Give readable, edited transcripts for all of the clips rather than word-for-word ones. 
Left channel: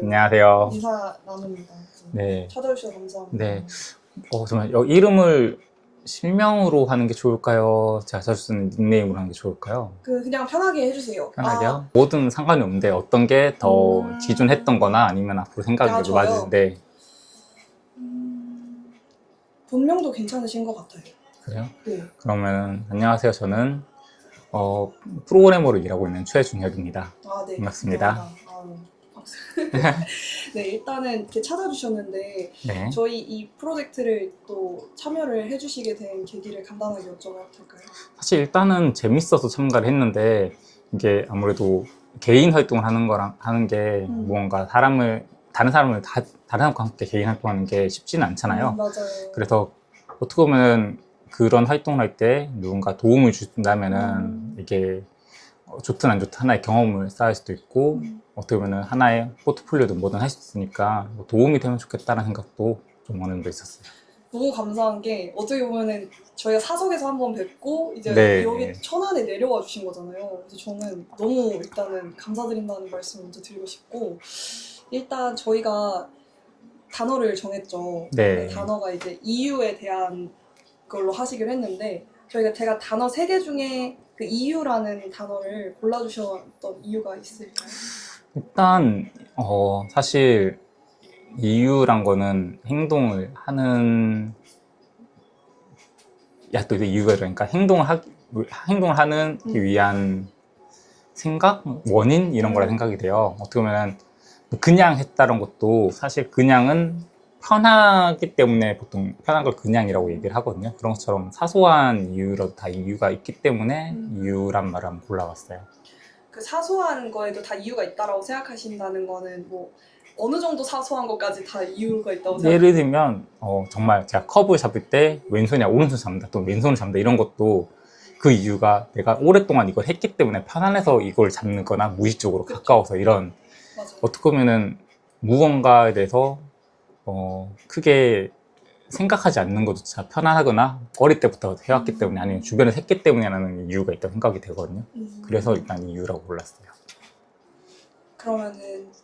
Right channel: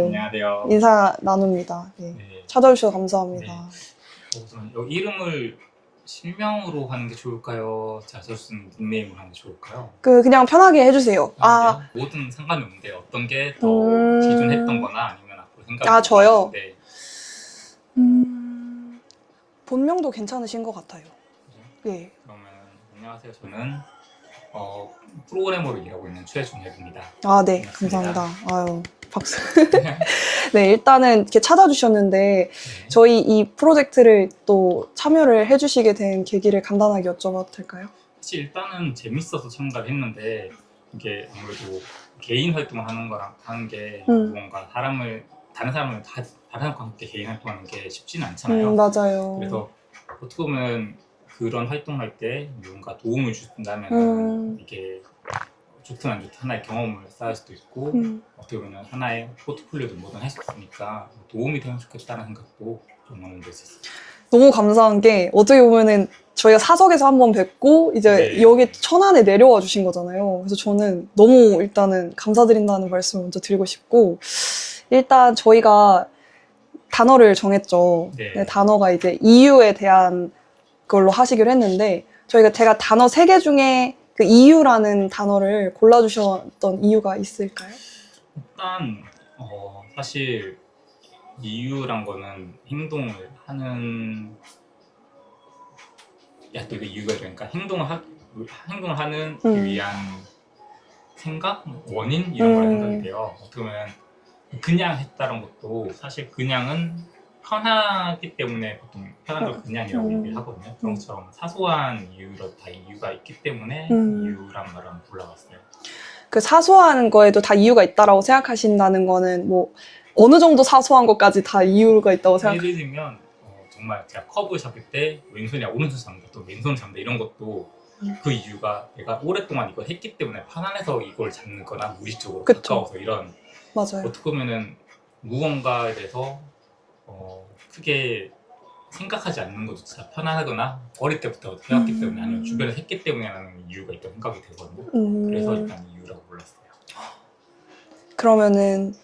안녕하세요. 인사 나눕니다. 네. 네. 찾아주셔서 감사합니다. 네. 정말 이름을 실명으로 하는 게 좋을까요? 제가 자주 쓰는 닉네임으로 하는 게 좋을까요? 그냥 편하게 해주세요. 편하게요? 뭐든 상관이 없는데 어떤 게 더 기존 했던 거나 아니면 앞으로 생각이 저요? 좋아지는데. 본명도 괜찮으신 것 같아요. 그래요? 네. 그러면 안녕하세요. 저는 프로그래머로 일하고 있는 최중혁입니다. 네. 반갑습니다. 감사합니다. 아유, 박수. 네, 일단은 이렇게 찾아주셨는데 네. 저희 이 프로젝트를 또 참여를 해주시게 된 계기를 간단하게 여쭤봐도 될까요? 사실 일단은 재밌어서 참가를 했는데 이게 아무래도 개인 활동을 하는 게 무언가 다른 사람과 함께 개인 활동하는 게 쉽지는 않잖아요. 맞아요. 그래서 어떻게 보면 그런 활동을 할 때 누군가 도움을 준다면은 이게 좋든 안 좋든 하나의 경험을 쌓을 수도 있고 어떻게 보면 하나의 포트폴리오도 뭐든 할 수 있으니까 도움이 되면 좋겠다는 생각도 좀 어느 정도 있었어요. 너무 감사한 게 어떻게 보면은 저희가 사석에서 한번 뵙고 이제 네. 여기 천안에 내려와 주신 거잖아요. 그래서 저는 너무 일단은 감사드린다는 말씀을 먼저 드리고 싶고, 일단 저희가 단어를 정했죠. 네. 네, 단어가 이제 EU에 대한 걸로 하시기로 했는데 제가 단어 3개 중에 그 EU라는 단어를 골라주셨던 이유가 있을까요? 일단 사실 이유란 거는 행동을 하는 또 이게 이유가 그러니까 행동을 하는 위한 생각, 원인 이런 거라 생각이 돼요. 어떻게 보면 그냥 했다는 것도 사실 그냥은 편하기 때문에 보통 편한 걸 그냥이라고 얘기를 하거든요. 그런 것처럼 사소한 이유라도 다 이유가 있기 때문에 이유란 말을 한번 골라봤어요. 그 사소한 거에도 다 이유가 있다라고 생각하신다는 거는 뭐 어느 정도 사소한 것까지 다 이유가 있다고 생각하세요? 예를 들면 정말 제가 커브 잡을 때 왼손이야 오른손 잡는다 또 왼손을 잡는다 이런 것도 그 이유가 내가 오랫동안 이걸 했기 때문에 편안해서 이걸 잡는 거나 무의식적으로 그쵸. 가까워서 이런 맞아요. 어떻게 보면은 무언가에 대해서 크게 생각하지 않는 것조차 편안하거나 어릴 때부터 해왔기 때문에 아니면 주변에서 했기 때문이라는 이유가 있다고 생각이 되거든요. 그래서 일단 이유라고 골랐어요. 그러면은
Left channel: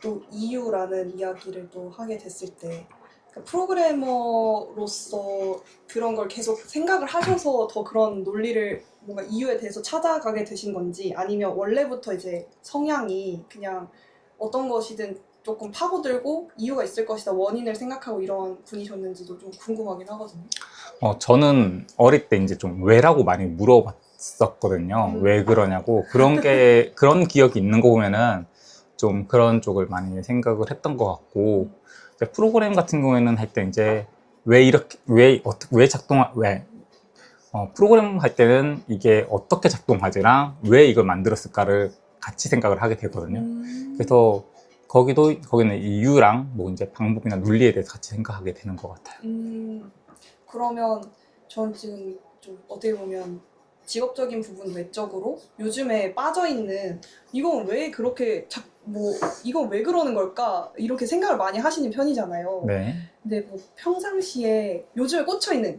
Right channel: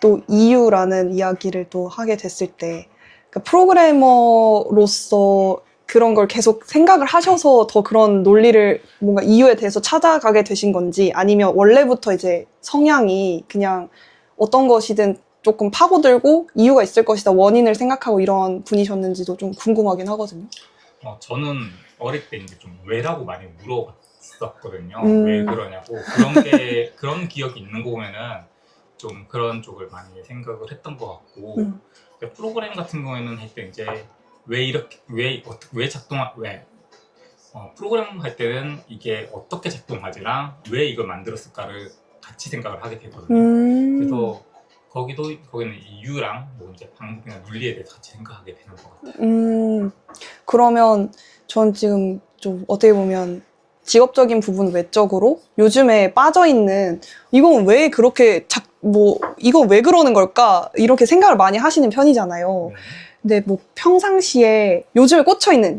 또 EU라는 이야기를 또 하게 됐을 때 그러니까 프로그래머로서 그런 걸 계속 생각을 하셔서 더 그런 논리를 뭔가 EU에 대해서 찾아가게 되신 건지, 아니면 원래부터 이제 성향이 그냥 어떤 것이든 조금 파고들고 이유가 있을 것이다 원인을 생각하고 이런 분이셨는지도 좀 궁금하긴 하거든요. 저는 어릴 때 이제 좀 왜라고 많이 물어봤었거든요. 왜 그러냐고. 그런 기억이 있는 거 보면은 좀 그런 쪽을 많이 생각을 했던 것 같고, 이제 프로그램 같은 경우에는 할 때 이제 프로그램 할 때는 이게 어떻게 작동하지랑 왜 이걸 만들었을까를 같이 생각을 하게 되거든요. 그래서 거기는 이유랑 뭐 이제 방법이나 논리에 대해서 같이 생각하게 되는 것 같아요. 그러면 전 지금 좀 어떻게 보면 직업적인 부분 외적으로 요즘에 빠져있는 이건 왜 그렇게 이건 왜 그러는 걸까? 이렇게 생각을 많이 하시는 편이잖아요. 네. 근데 뭐 평상시에 요즘에 꽂혀있는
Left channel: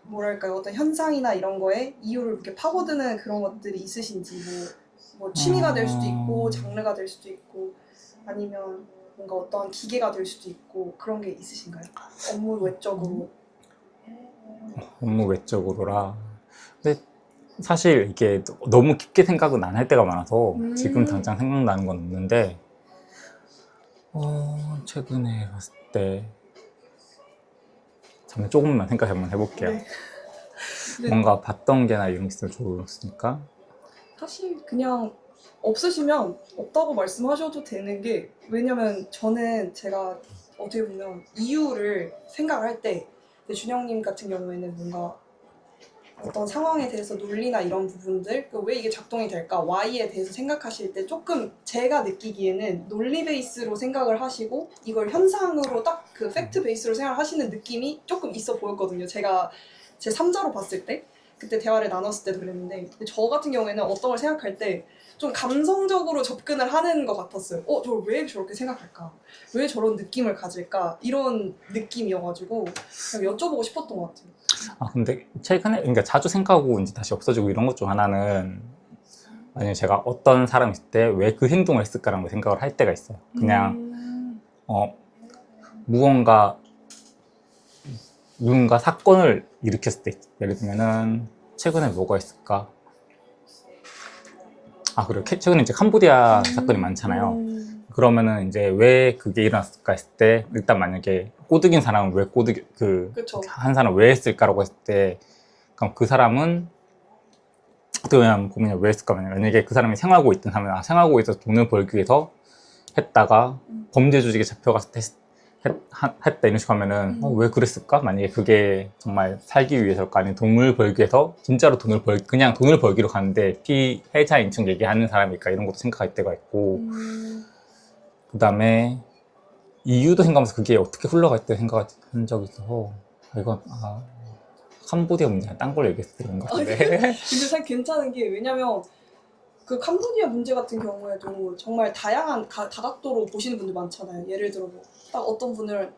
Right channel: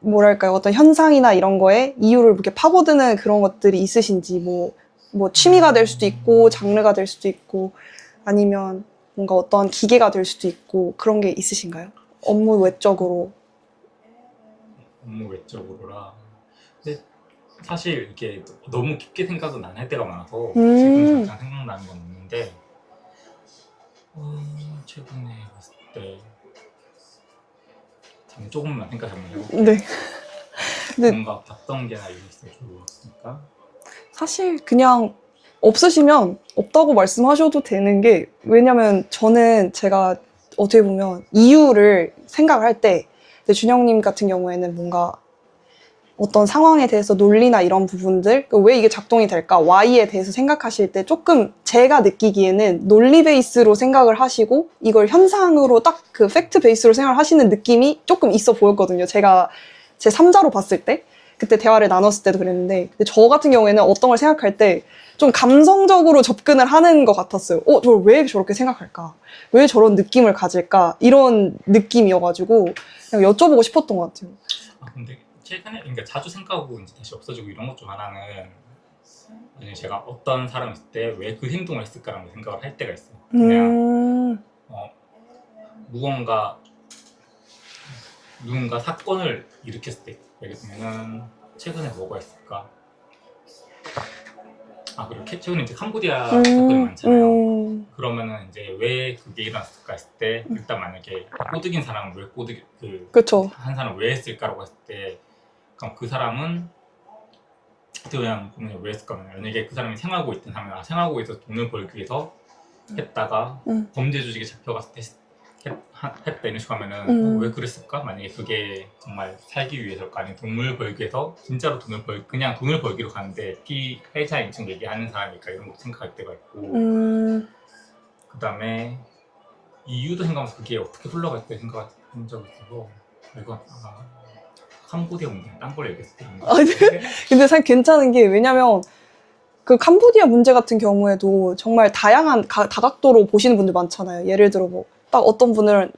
뭐랄까요, 어떤 현상이나 이런 거에 이유를 이렇게 파고드는 그런 것들이 있으신지, 뭐 취미가 될 수도 있고 장르가 될 수도 있고 아니면 뭔가 어떤 기계가 될 수도 있고 그런 게 있으신가요? 업무 외적으로. 업무 외적으로라. 근데 사실 이게 너무 깊게 생각은 안 할 때가 많아서 지금 당장 생각나는 건 없는데 최근에 봤을 때 잠깐 조금만 생각 한번 해볼게요. 네. 근데 뭔가 봤던 게나 이런 게 있으면 좋으니까. 사실 그냥 없으시면 없다고 말씀하셔도 되는 게, 왜냐면 저는 제가 어떻게 보면 이유를 생각을 할 때 준영님 같은 경우에는 뭔가 어떤 상황에 대해서 논리나 이런 부분들, 왜 이게 작동이 될까, Y에 대해서 생각하실 때 조금 제가 느끼기에는 논리 베이스로 생각을 하시고 이걸 현상으로 딱 그 팩트 베이스로 생각을 하시는 느낌이 조금 있어 보였거든요. 제가 제 3자로 봤을 때, 그때 대화를 나눴을 때도 그랬는데, 근데 저 같은 경우에는 어떤 걸 생각할 때 좀 감성적으로 접근을 하는 것 같았어요. 저걸 왜 저렇게 생각할까? 왜 저런 느낌을 가질까? 이런 느낌이어가지고 그냥 여쭤보고 싶었던 것 같아요. 근데 최근에, 그러니까 자주 생각하고 이제 다시 없어지고 이런 것 중 하나는 만약에 제가 어떤 사람이 있을 때 왜 그 행동을 했을까라는 걸 생각을 할 때가 있어요. 그냥 무언가 누군가 사건을 일으켰을 때, 예를 들면은 최근에 뭐가 있을까? 그리고 최근에 이제 캄보디아 사건이 많잖아요. 그러면은 이제 왜 그게 일어났을까 했을 때, 일단 만약에 꼬드긴 사람은 왜 그쵸. 한 사람 왜 했을까라고 했을 때, 그럼 그 사람은 어떻게 보면 왜 했을까? 만약에 그 사람이 생활고 있던 하면 생활고 있어서 돈을 벌기 위해서 했다가 범죄 조직에 잡혀갔을 때 했다 이런 식으로 하면은 왜 그랬을까? 만약에 그게 정말 살기 위해서일까? 아니면 돈을 벌기 위해서 진짜로 그냥 돈을 벌기로 가는데 피해자인 척 얘기하는 사람일까? 이런 것도 생각할 때가 있고 그 다음에 이유도 생각하면서 그게 어떻게 흘러갈 때 생각한 적이 있어서 이건 캄보디아 문제가 딴 걸 얘기했을 때 그런 것 같은데 근데 사실 괜찮은 게 왜냐면 그 캄보디아 문제 같은 경우에도 정말 다양한 다각도로 보시는 분들 많잖아요. 예를 들어 뭐 딱 어떤 분은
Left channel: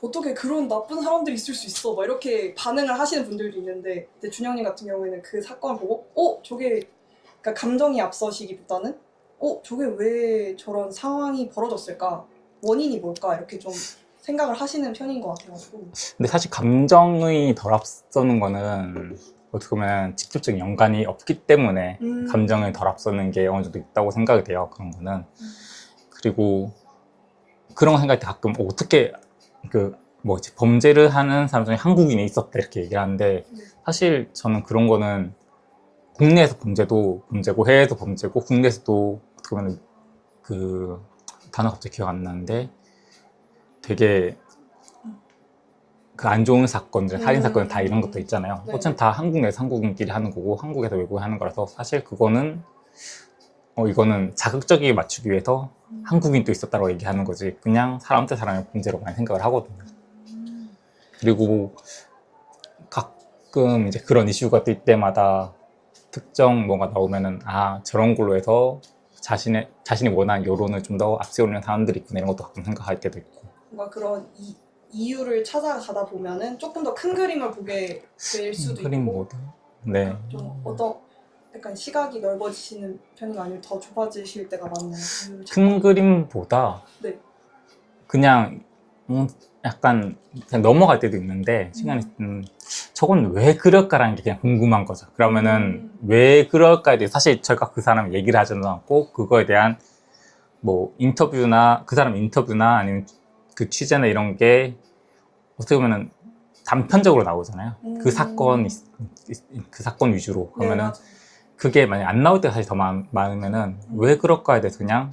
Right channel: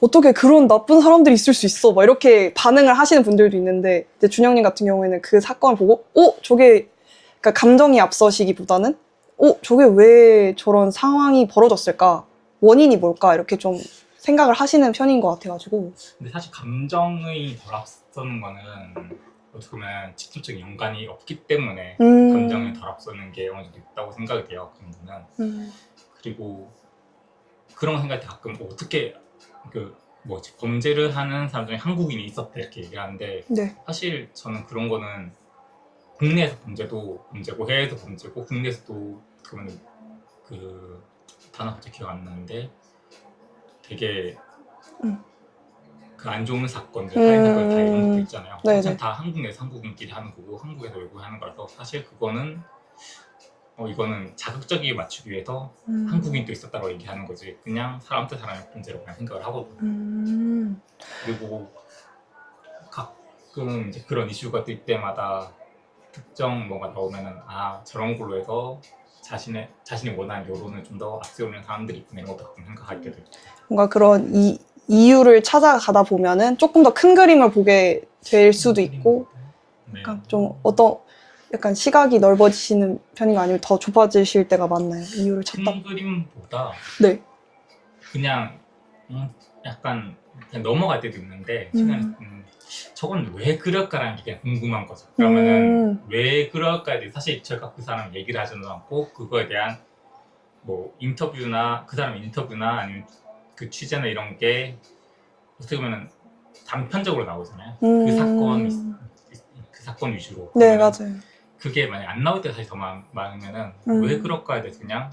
어떻게 그런 나쁜 사람들이 있을 수 있어 막 이렇게 반응을 하시는 분들도 있는데 이제 준영님 같은 경우에는 그 사건을 보고 저게 그러니까 감정이 앞서시기보다는 저게 왜 저런 상황이 벌어졌을까? 원인이 뭘까? 이렇게 좀 생각을 하시는 편인 것 같아가지고. 근데 사실 감정이 덜 앞서는 거는 어떻게 보면 직접적인 연관이 없기 때문에 감정을 덜 앞서는 게 어느 정도 있다고 생각이 돼요. 그런 거는. 그리고 그런 거 생각할 때 가끔 어떻게 범죄를 하는 사람 중에 한국인이 있었다 이렇게 얘기를 하는데 네. 사실 저는 그런 거는 국내에서 범죄도 범죄고 해외에서 범죄고 국내에서도 어떻게 보면 그 단어 갑자기 기억 안 나는데 되게 그 안 좋은 사건들, 살인 사건 다 이런 것도 있잖아요. 어차피 다 한국 내에서 한국인끼리 하는 거고 한국에서 외국에 하는 거라서 사실 그거는 이거는 자극적이게 맞추기 위해서 한국인도 있었다고 얘기하는 거지 그냥 사람 대 사람의 문제로 많이 생각을 하거든요. 그리고 가끔 이제 그런 이슈가 뜰 때마다 특정 뭐가 나오면은 저런 걸로 해서 자신이 원하는 여론을 좀 더 앞세우는 사람들이 있구나 이런 것도 가끔 생각할 때도 있고 뭔가 그런 이유를 찾아가다 보면은 조금 더 큰 그림을 보게 될 수도 있고 네. 좀 약간 시각이 넓어지시는 편인가 아니면 더 좁아지실 때가 많나요? 이유를 찾다 큰 그림보다 네. 그냥 약간 그냥 넘어갈 때도 있는데 시간이 저건 왜 그럴까라는 게 그냥 궁금한 거죠. 그러면은 왜 그럴까에 대해 사실 제가 그 사람 얘기를 하지도 않고 그거에 대한 뭐 그 사람 인터뷰나 아니면 그 취재나 이런 게 어떻게 보면은 단편적으로 나오잖아요. 그 사건 위주로. 네, 그러면은 맞아요. 그게 만약 안 나올 때가 사실 더 많으면은 왜 그럴까에 대해서 그냥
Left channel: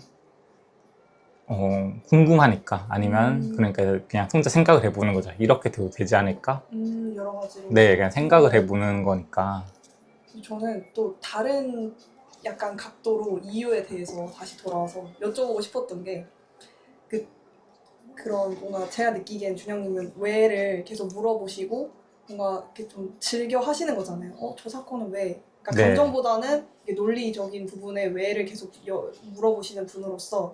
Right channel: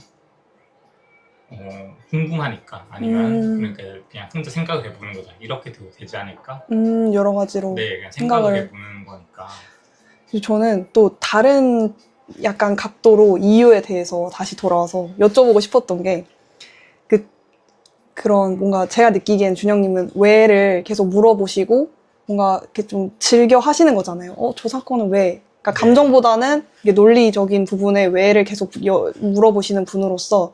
궁금하니까 아니면 그러니까 그냥 혼자 생각을 해보는 거죠. 이렇게 돼도 되지 않을까? 여러 가지로. 네, 그냥 생각을 해보는 거니까. 저는 또 다른 약간 각도로 이유에 대해서 다시 돌아와서 여쭤보고 싶었던 게 그런 뭔가 제가 느끼기엔 준영님은 왜를 계속 물어보시고 뭔가 이렇게 좀 즐겨 하시는 거잖아요. 저 사건은 왜? 그러니까 네. 감정보다는 이게 논리적인 부분에 왜를 계속 물어보시는 분으로서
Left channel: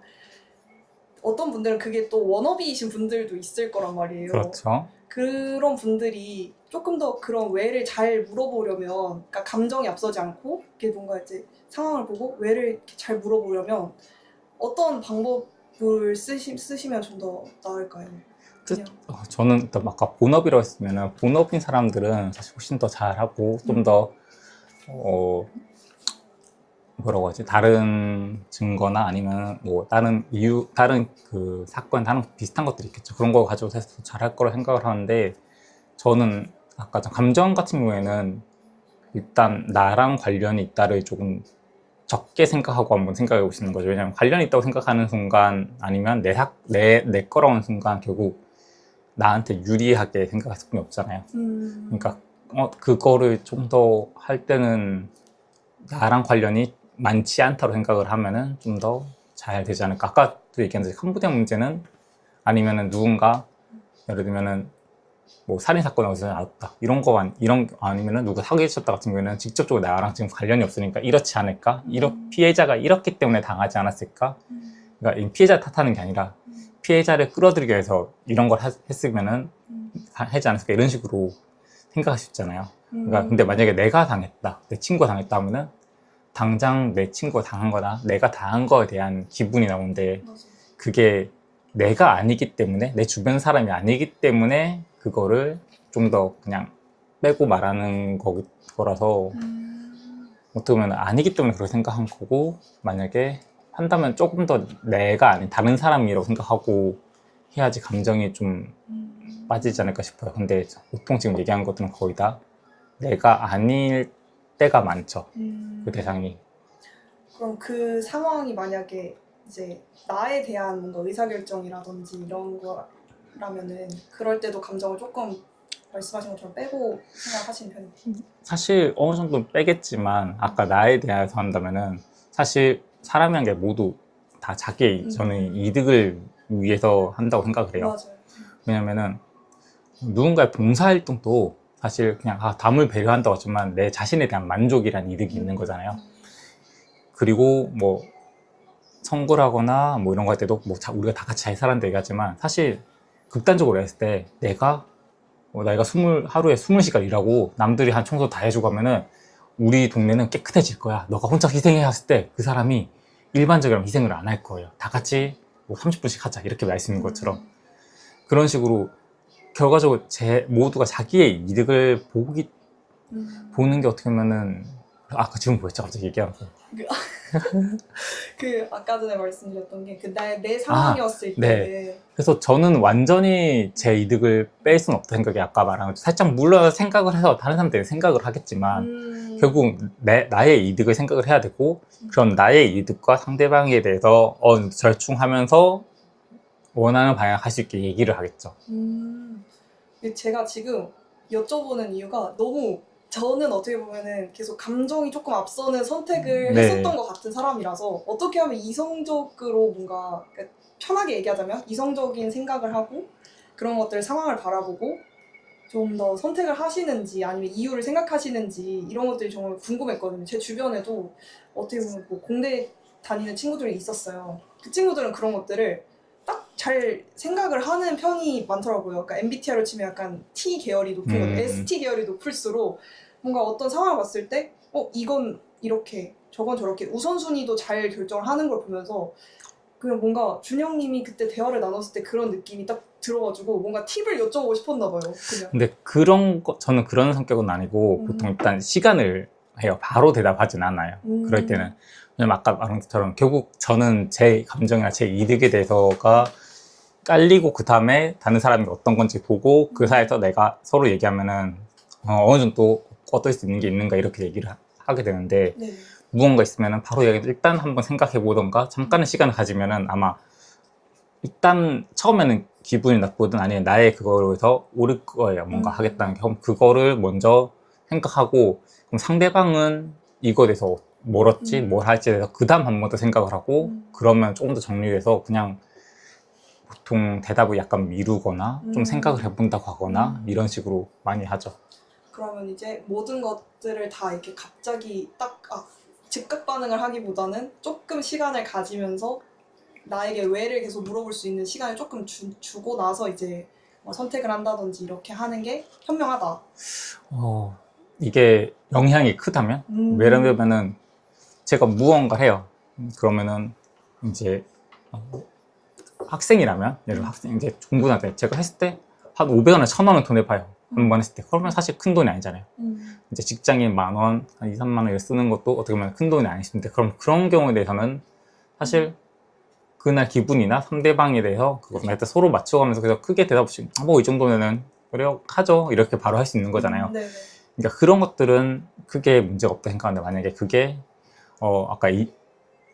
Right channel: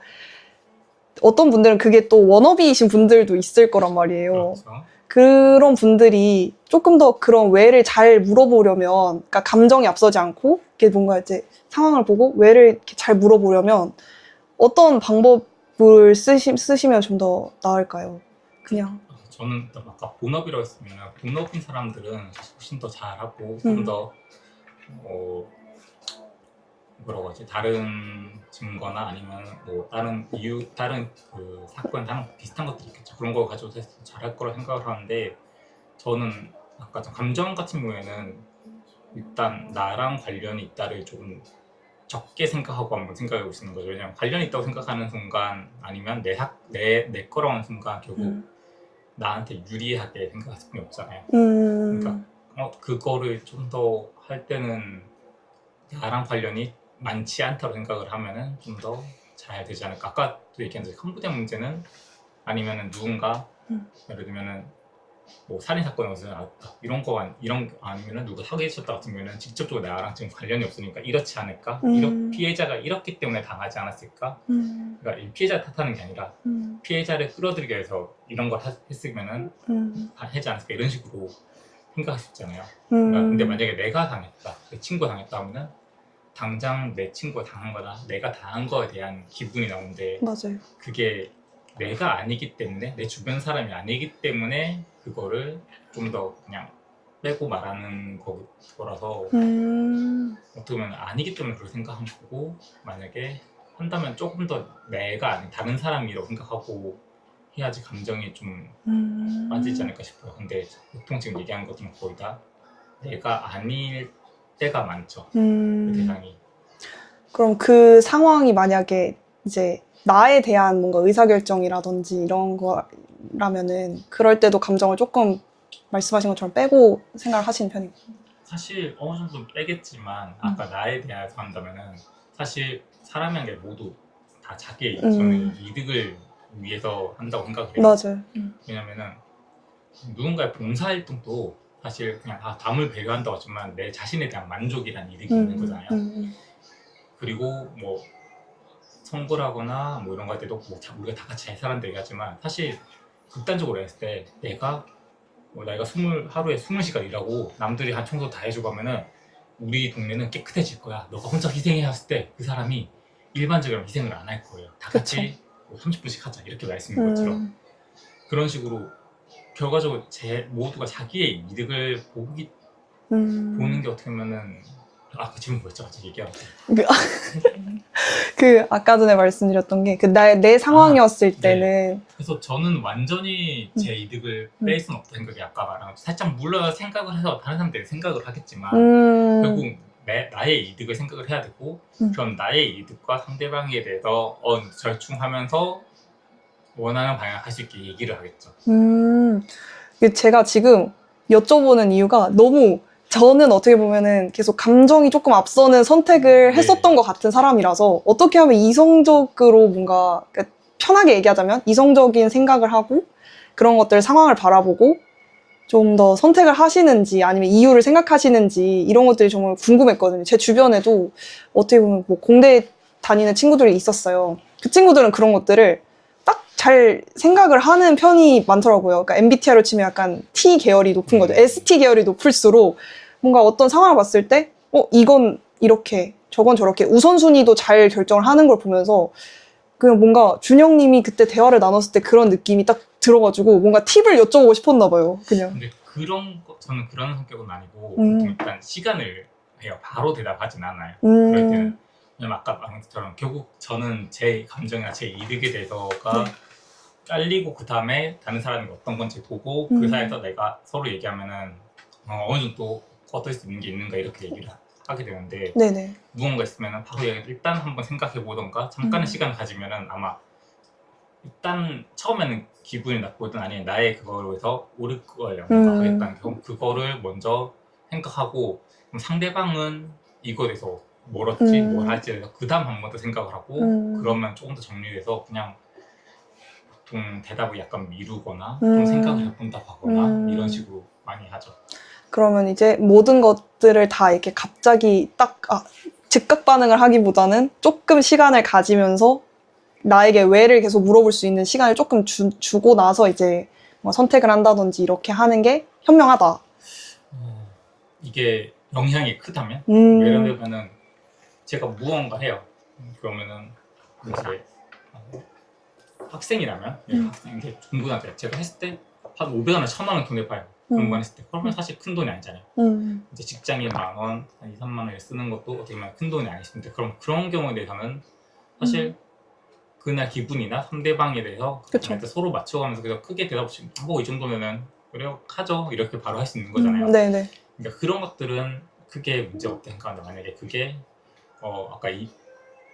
어떤 분들은 그게 또 워너비이신 분들도 있을 거란 말이에요. 그렇죠. 그런 분들이 조금 더 그런 왜를 잘 물어보려면, 그러니까 감정이 앞서지 않고, 이게 뭔가 이제 상황을 보고 왜를 이렇게 잘 물어보려면 어떤 방법을 쓰시면 좀 더 나을까요? 그냥. 저는 또 아까 본업이라고 했으면 본업인 사람들은 사실 훨씬 더 잘하고 좀 더 뭐라고 하지? 다른 증거나 아니면 뭐 다른 그 사건, 다른 비슷한 것들이 있겠죠. 그런 거 가지고 해서 잘할 거라 생각을 하는데 저는 아까 감정 같은 경우에는 일단 나랑 관련이 있다를 조금 적게 생각하고 한번 생각해 보시는 거죠. 왜냐하면 관련이 있다고 생각하는 순간 아니면 내 거라는 순간 결국 나한테 유리하게 생각할 수밖에 없잖아요. 그러니까 그거를 좀 더 할 때는 나랑 관련이 많지 않다고 생각을 하면은 좀 더 잘 되지 않을까. 아까도 얘기한 캄보디아 문제는 아니면은 누군가 예를 들면은 뭐 살인 사건이 어디서 나왔다 이런 아니면은 누구 사기쳤다 같은 경우에는 직접적으로 나랑 지금 관련이 없으니까 이렇지 않을까. 피해자가 이렇기 때문에 당하지 않았을까. 그러니까 이 피해자를 탓하는 게 아니라 피해자를 끌어들이기 위해서 이런 걸 했으면은 하지 않았을까 이런 식으로 생각할 수 있잖아요. 그러니까 근데 만약에 내가 당했다, 내 친구가 당했다 하면은 당장 내 친구가 당한 거나 내가 당한 거에 대한 기분이 나오는데 맞아요. 그게 내가 아니기 때문에 내 주변 사람이 아니기 때문에 그거를 좀 더 그냥 빼고 말하는 거라서 어떻게 보면 아니기 때문에 그렇게 생각한 거고 만약에 한다면 조금 더 내가 아닌 다른 사람이라고 생각하고 해야지 감정이 좀 빠지지 않을까 싶어요. 근데 보통 지금 얘기한 것들은 거의 다 내가 아닐 때가 많죠. 그 대상이. 그럼 그 상황이 만약에 이제 나에 대한 뭔가 의사결정이라든지 이런 거라면은 그럴 때도 감정을 조금 말씀하신 것처럼 빼고 생각하시는 편이에요. 사실 어느 정도 빼겠지만 아까 나에 대해서 한다면은 사실 사람이란 게 모두 다 자기의 저는 이득을 위해서 한다고 생각을 해요. 맞아요. 왜냐면은 누군가의 봉사활동도 사실 그냥 남을 배려한다고 하지만 내 자신에 대한 만족이란 이득이 있는 거잖아요. 그리고 뭐 선거를 하거나 뭐 이런 거 할 때도 뭐 우리가 다 같이 잘 살았는데 얘기하지만 사실 극단적으로 했을 때 내가 하루에 20시간 일하고 남들이 한 청소 다 해주고 하면은 우리 동네는 깨끗해질 거야. 너가 혼자 희생해 했을 때 그 사람이 일반적으로 희생을 안 할 거예요. 다 같이 뭐 30분씩 하자 이렇게 말씀인 것처럼 그런 식으로 결과적으로 모두가 자기의 이득을 보는 게 어떻게 보면은 아까 지금 뭐였죠? 갑자기 얘기하면 그 아까 전에 말씀드렸던 게 그 내 상황이었을 네. 때는 그래서 저는 완전히 제 이득을 뺄 수는 없다 생각이 아까 말한 것처럼 살짝 물론 생각을 해서 다른 사람들이 생각을 하겠지만 결국 나의 이득을 생각을 해야 되고 그럼 나의 이득과 상대방에 대해서 절충하면서 원하는 방향을 할 수 있게 얘기를 하겠죠. 제가 지금 여쭤보는 이유가 너무 저는 어떻게 보면은 계속 감정이 조금 앞서는 선택을 했었던 것 같은 사람이라서 어떻게 하면 이성적으로 뭔가 그러니까 편하게 얘기하자면 이성적인 생각을 하고 그런 것들 상황을 바라보고 좀 더 선택을 하시는지 아니면 이유를 생각하시는지 이런 것들이 정말 궁금했거든요. 제 주변에도 어떻게 보면 뭐 공대 다니는 친구들이 있었어요. 그 친구들은 그런 것들을 딱 잘 생각을 하는 편이 많더라고요. 그러니까 MBTI로 치면 약간 T 계열이 높은 거죠. ST 계열이 높을수록 뭔가 어떤 상황을 봤을 때 이건 이렇게 저건 저렇게 우선순위도 잘 결정을 하는 걸 보면서 그냥 뭔가 준영님이 그때 대화를 나눴을 때 그런 느낌이 딱 들어가지고 뭔가 팁을 여쭤보고 싶었나 봐요. 그냥. 근데 저는 그런 성격은 아니고 보통 일단 시간을 해요. 바로 대답하진 않아요. 그럴 때는. 왜냐면 아까 말한 것처럼 결국 저는 제 감정이나 제 이득에 대해서가 깔리고 그 다음에 다른 사람이 어떤 건지 보고 그 사이에서 내가 서로 얘기하면은 어느 정도 얻을 수 있는 게 있는가 이렇게 얘기를 하게 되는데 네네. 무언가 있으면은 바로 일단 한번 생각해 보던가 잠깐의 시간을 가지면은 아마 일단 처음에는 기분이 나쁘든 아니면 나의 그거에서 오를 거예요. 뭔가 하겠다는 게. 그럼 그거를 먼저 생각하고 그럼 상대방은 이거에 대해서 뭘 얻지 뭘 할지에 대해서 그 다음 한 번 더 생각을 하고 그러면 조금 더 정리돼서 그냥 보통 대답을 약간 미루거나 좀 생각을 해본다고 하거나 이런 식으로 많이 하죠. 그러면 이제 모든 것들을 다 이렇게 갑자기 딱 즉각 반응을 하기보다는 조금 시간을 가지면서 나에게 왜를 계속 물어볼 수 있는 시간을 조금 주고 나서 이제 뭐 선택을 한다든지 이렇게 하는 게 현명하다. 이게 영향이 크다면? 예를 들면은 제가 무언가를 해요. 그러면은 이제 학생이라면 예를 학생 이제 공부하는데 제가 했을 때 한 500원에 1000원 돈을 봐요. 공부만 했을 때. 그러면 사실 큰 돈이 아니잖아요. 이제 직장인 10,000원, 한 2, 3만 원 쓰는 것도 어떻게 보면 큰 돈이 아니신데 그럼 그런 경우에 대해서는 사실 그날 기분이나 상대방에 대해서 그걸 서로 맞춰가면서 그래서 크게 대답 없이 뭐 이 정도면은 그래요 하죠 이렇게 바로 할 수 있는 거잖아요. 네네. 그러니까 그런 것들은 크게 문제가 없다 생각하는데 만약에 그게 아까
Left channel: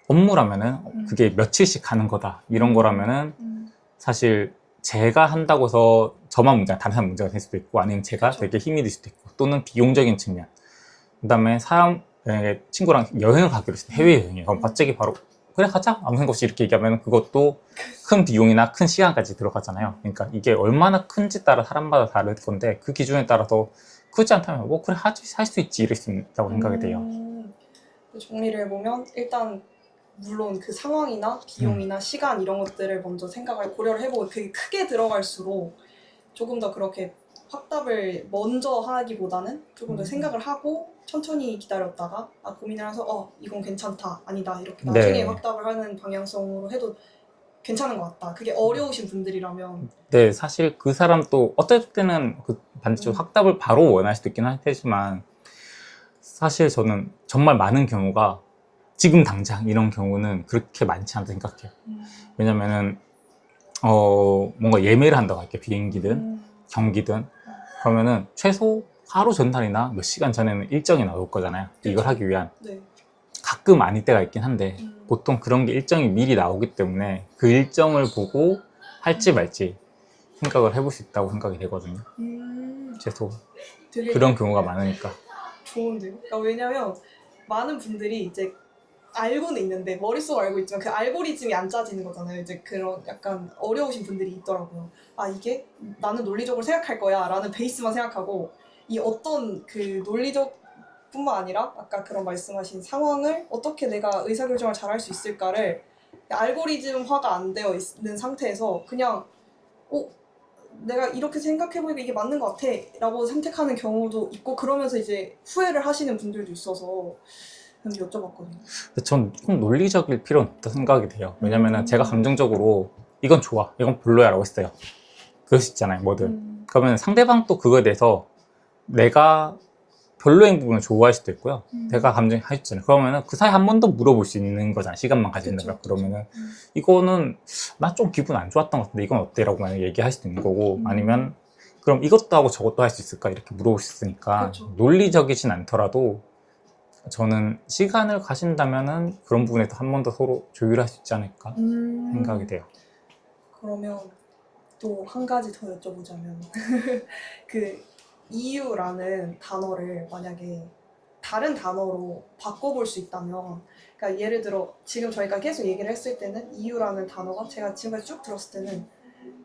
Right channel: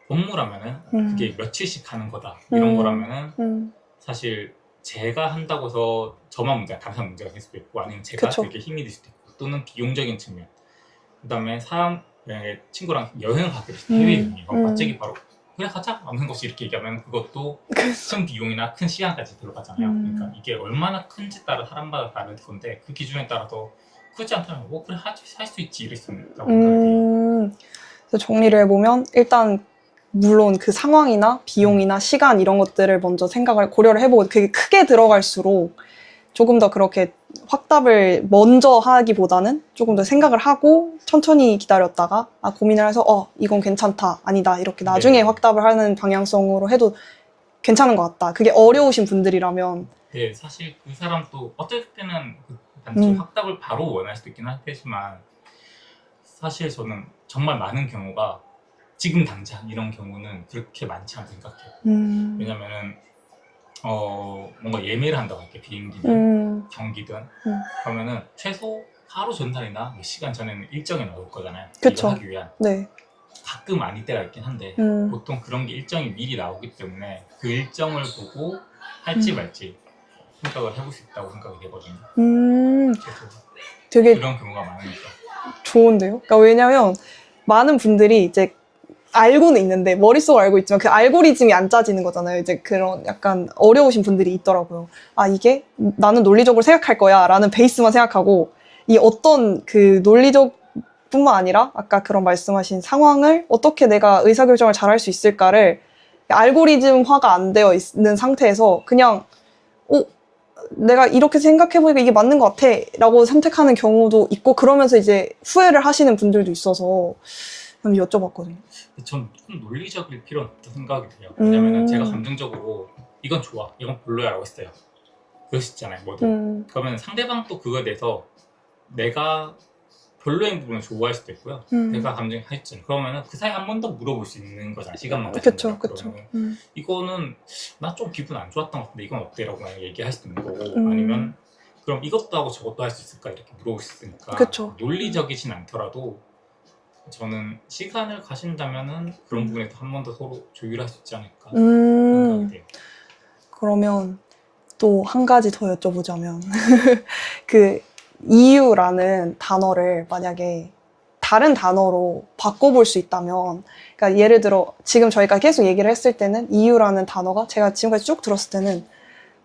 업무라면은 그게 며칠씩 하는 거다 이런 거라면은 사실 제가 한다고 해서 저만 문제가 다른 사람 문제가 될 수도 있고 아니면 제가 그쵸. 되게 힘이 들 수도 있고 또는 비용적인 측면 그 다음에 친구랑 여행을 가기로 했어요. 해외여행이에요. 그럼 갑자기 바로 그래 가자 아무 생각 없이 이렇게 얘기하면 그것도 큰 비용이나 큰 시간까지 들어가잖아요. 그러니까 이게 얼마나 큰지 따라 사람마다 다를 건데 그 기준에 따라서 크지 않다면 뭐 그래 할 수 있지 이럴 수 있다고 생각이 돼요. 그래서 정리를 해보면 일단 물론 그 상황이나 비용이나 시간 이런 것들을 먼저 고려를 해보고 그게 크게 들어갈수록 조금 더 그렇게 확답을 먼저 하기보다는 조금 더 생각을 하고 천천히 기다렸다가 고민을 해서 이건 괜찮다, 아니다 이렇게 나중에 네. 확답을 하는 방향성으로 해도 괜찮은 것 같다. 그게 어려우신 분들이라면. 네, 사실 그 사람 또 어떨 때는 그 반대쪽 음. 확답을 바로 원할 수도 있긴 하지만 사실 저는 정말 많은 경우가 지금 당장 이런 경우는 그렇게 많지 않다 생각해요. 왜냐면은 뭔가 예매를 한다고 할게, 비행기든 경기든 그러면은 최소 하루 전날이나 몇 시간 전에는 일정이 나올 거잖아요. 그쵸. 이걸 하기 위한. 네. 가끔 아닐 때가 있긴 한데 보통 그런 게 일정이 미리 나오기 때문에 그 일정을 보고 할지 말지 생각을 해볼 수 있다고 생각이 되거든요. 최소 되게 그런 경우가 많으니까. 좋은데요? 그러니까 왜냐면 많은 분들이 이제 알고는 있는데 머릿속으로 알고 있지만 그 알고리즘이 안 짜지는 거잖아요. 이제 그런 약간 어려우신 분들이 있더라고요. 이게 나는 논리적으로 생각할 거야 라는 베이스만 생각하고 이 어떤 그 논리적 뿐만 아니라 아까 그런 말씀하신 상황을 어떻게 내가 의사결정을 잘 할 수 있을까를 알고리즘화가 안 되어 있는 상태에서 그냥 내가 이렇게 생각해보니까 이게 맞는 것 같아 라고 선택하는 경우도 있고 그러면서 이제 후회를 하시는 분들도 있어서 저는 여쭤봤거든요. 전 좀 논리적일 필요는 없다 생각이 돼요. 왜냐면은 제가 감정적으로 이건 좋아, 이건 별로야 라고 했어요. 그럴 수 있잖아요, 뭐든. 그러면 상대방도 그거에 대해서 내가 별로인 부분을 좋아할 수도 있고요. 내가 감정이 하있잖아요. 그러면은 그 사이 한 번 더 물어볼 수 있는 거잖아요. 시간만 가진다면. 그러면은 이거는 나 좀 기분 안 좋았던 것 같은데 이건 어때? 라고 만약에 얘기할 수도 있는 거고 아니면 그럼 이것도 하고 저것도 할 수 있을까? 이렇게 물어볼 수 있으니까 그쵸. 논리적이진 않더라도 저는 시간을 가신다면은 그런 부분에서 한 번 더 서로 조율할 수 있지 않을까 생각이 돼요. 그러면 또 한 가지 더 여쭤보자면 그 이유라는 단어를 만약에 다른 단어로 바꿔볼 수 있다면 그러니까 예를 들어 지금 저희가 계속 얘기를 했을 때는 이유라는 단어가 제가 지금까지 쭉 들었을 때는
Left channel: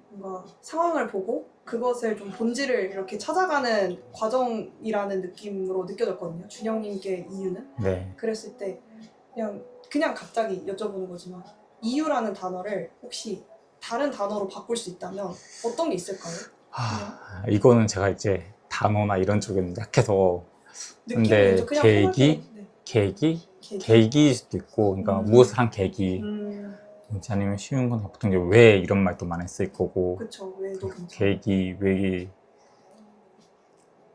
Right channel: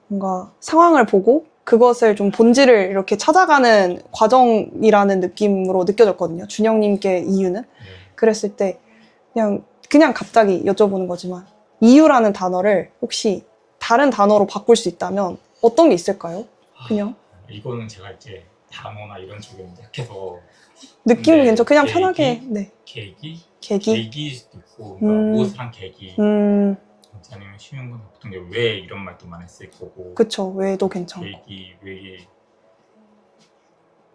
뭔가 상황을 보고 그것을 좀 본질을 이렇게 찾아가는 과정이라는 느낌으로 느껴졌거든요. 준영님께 이유는. 네. 그랬을 때 그냥 갑자기 여쭤보는 거지만 이유라는 단어를 혹시 다른 단어로 바꿀 수 있다면 어떤 게 있을까요? 그냥 이거는 제가 이제 단어나 이런 쪽에는 약해서 느낌이 근데 괜찮 그냥 계기? 편하게 네. 계기? 계기? 계기일 수도 있고 그러니까 무엇을 한 계기 아니면 쉬운 건 보통 이제 왜 이런 말도 많이 쓸 거고 그쵸. 왜도 괜찮고 계기, 왜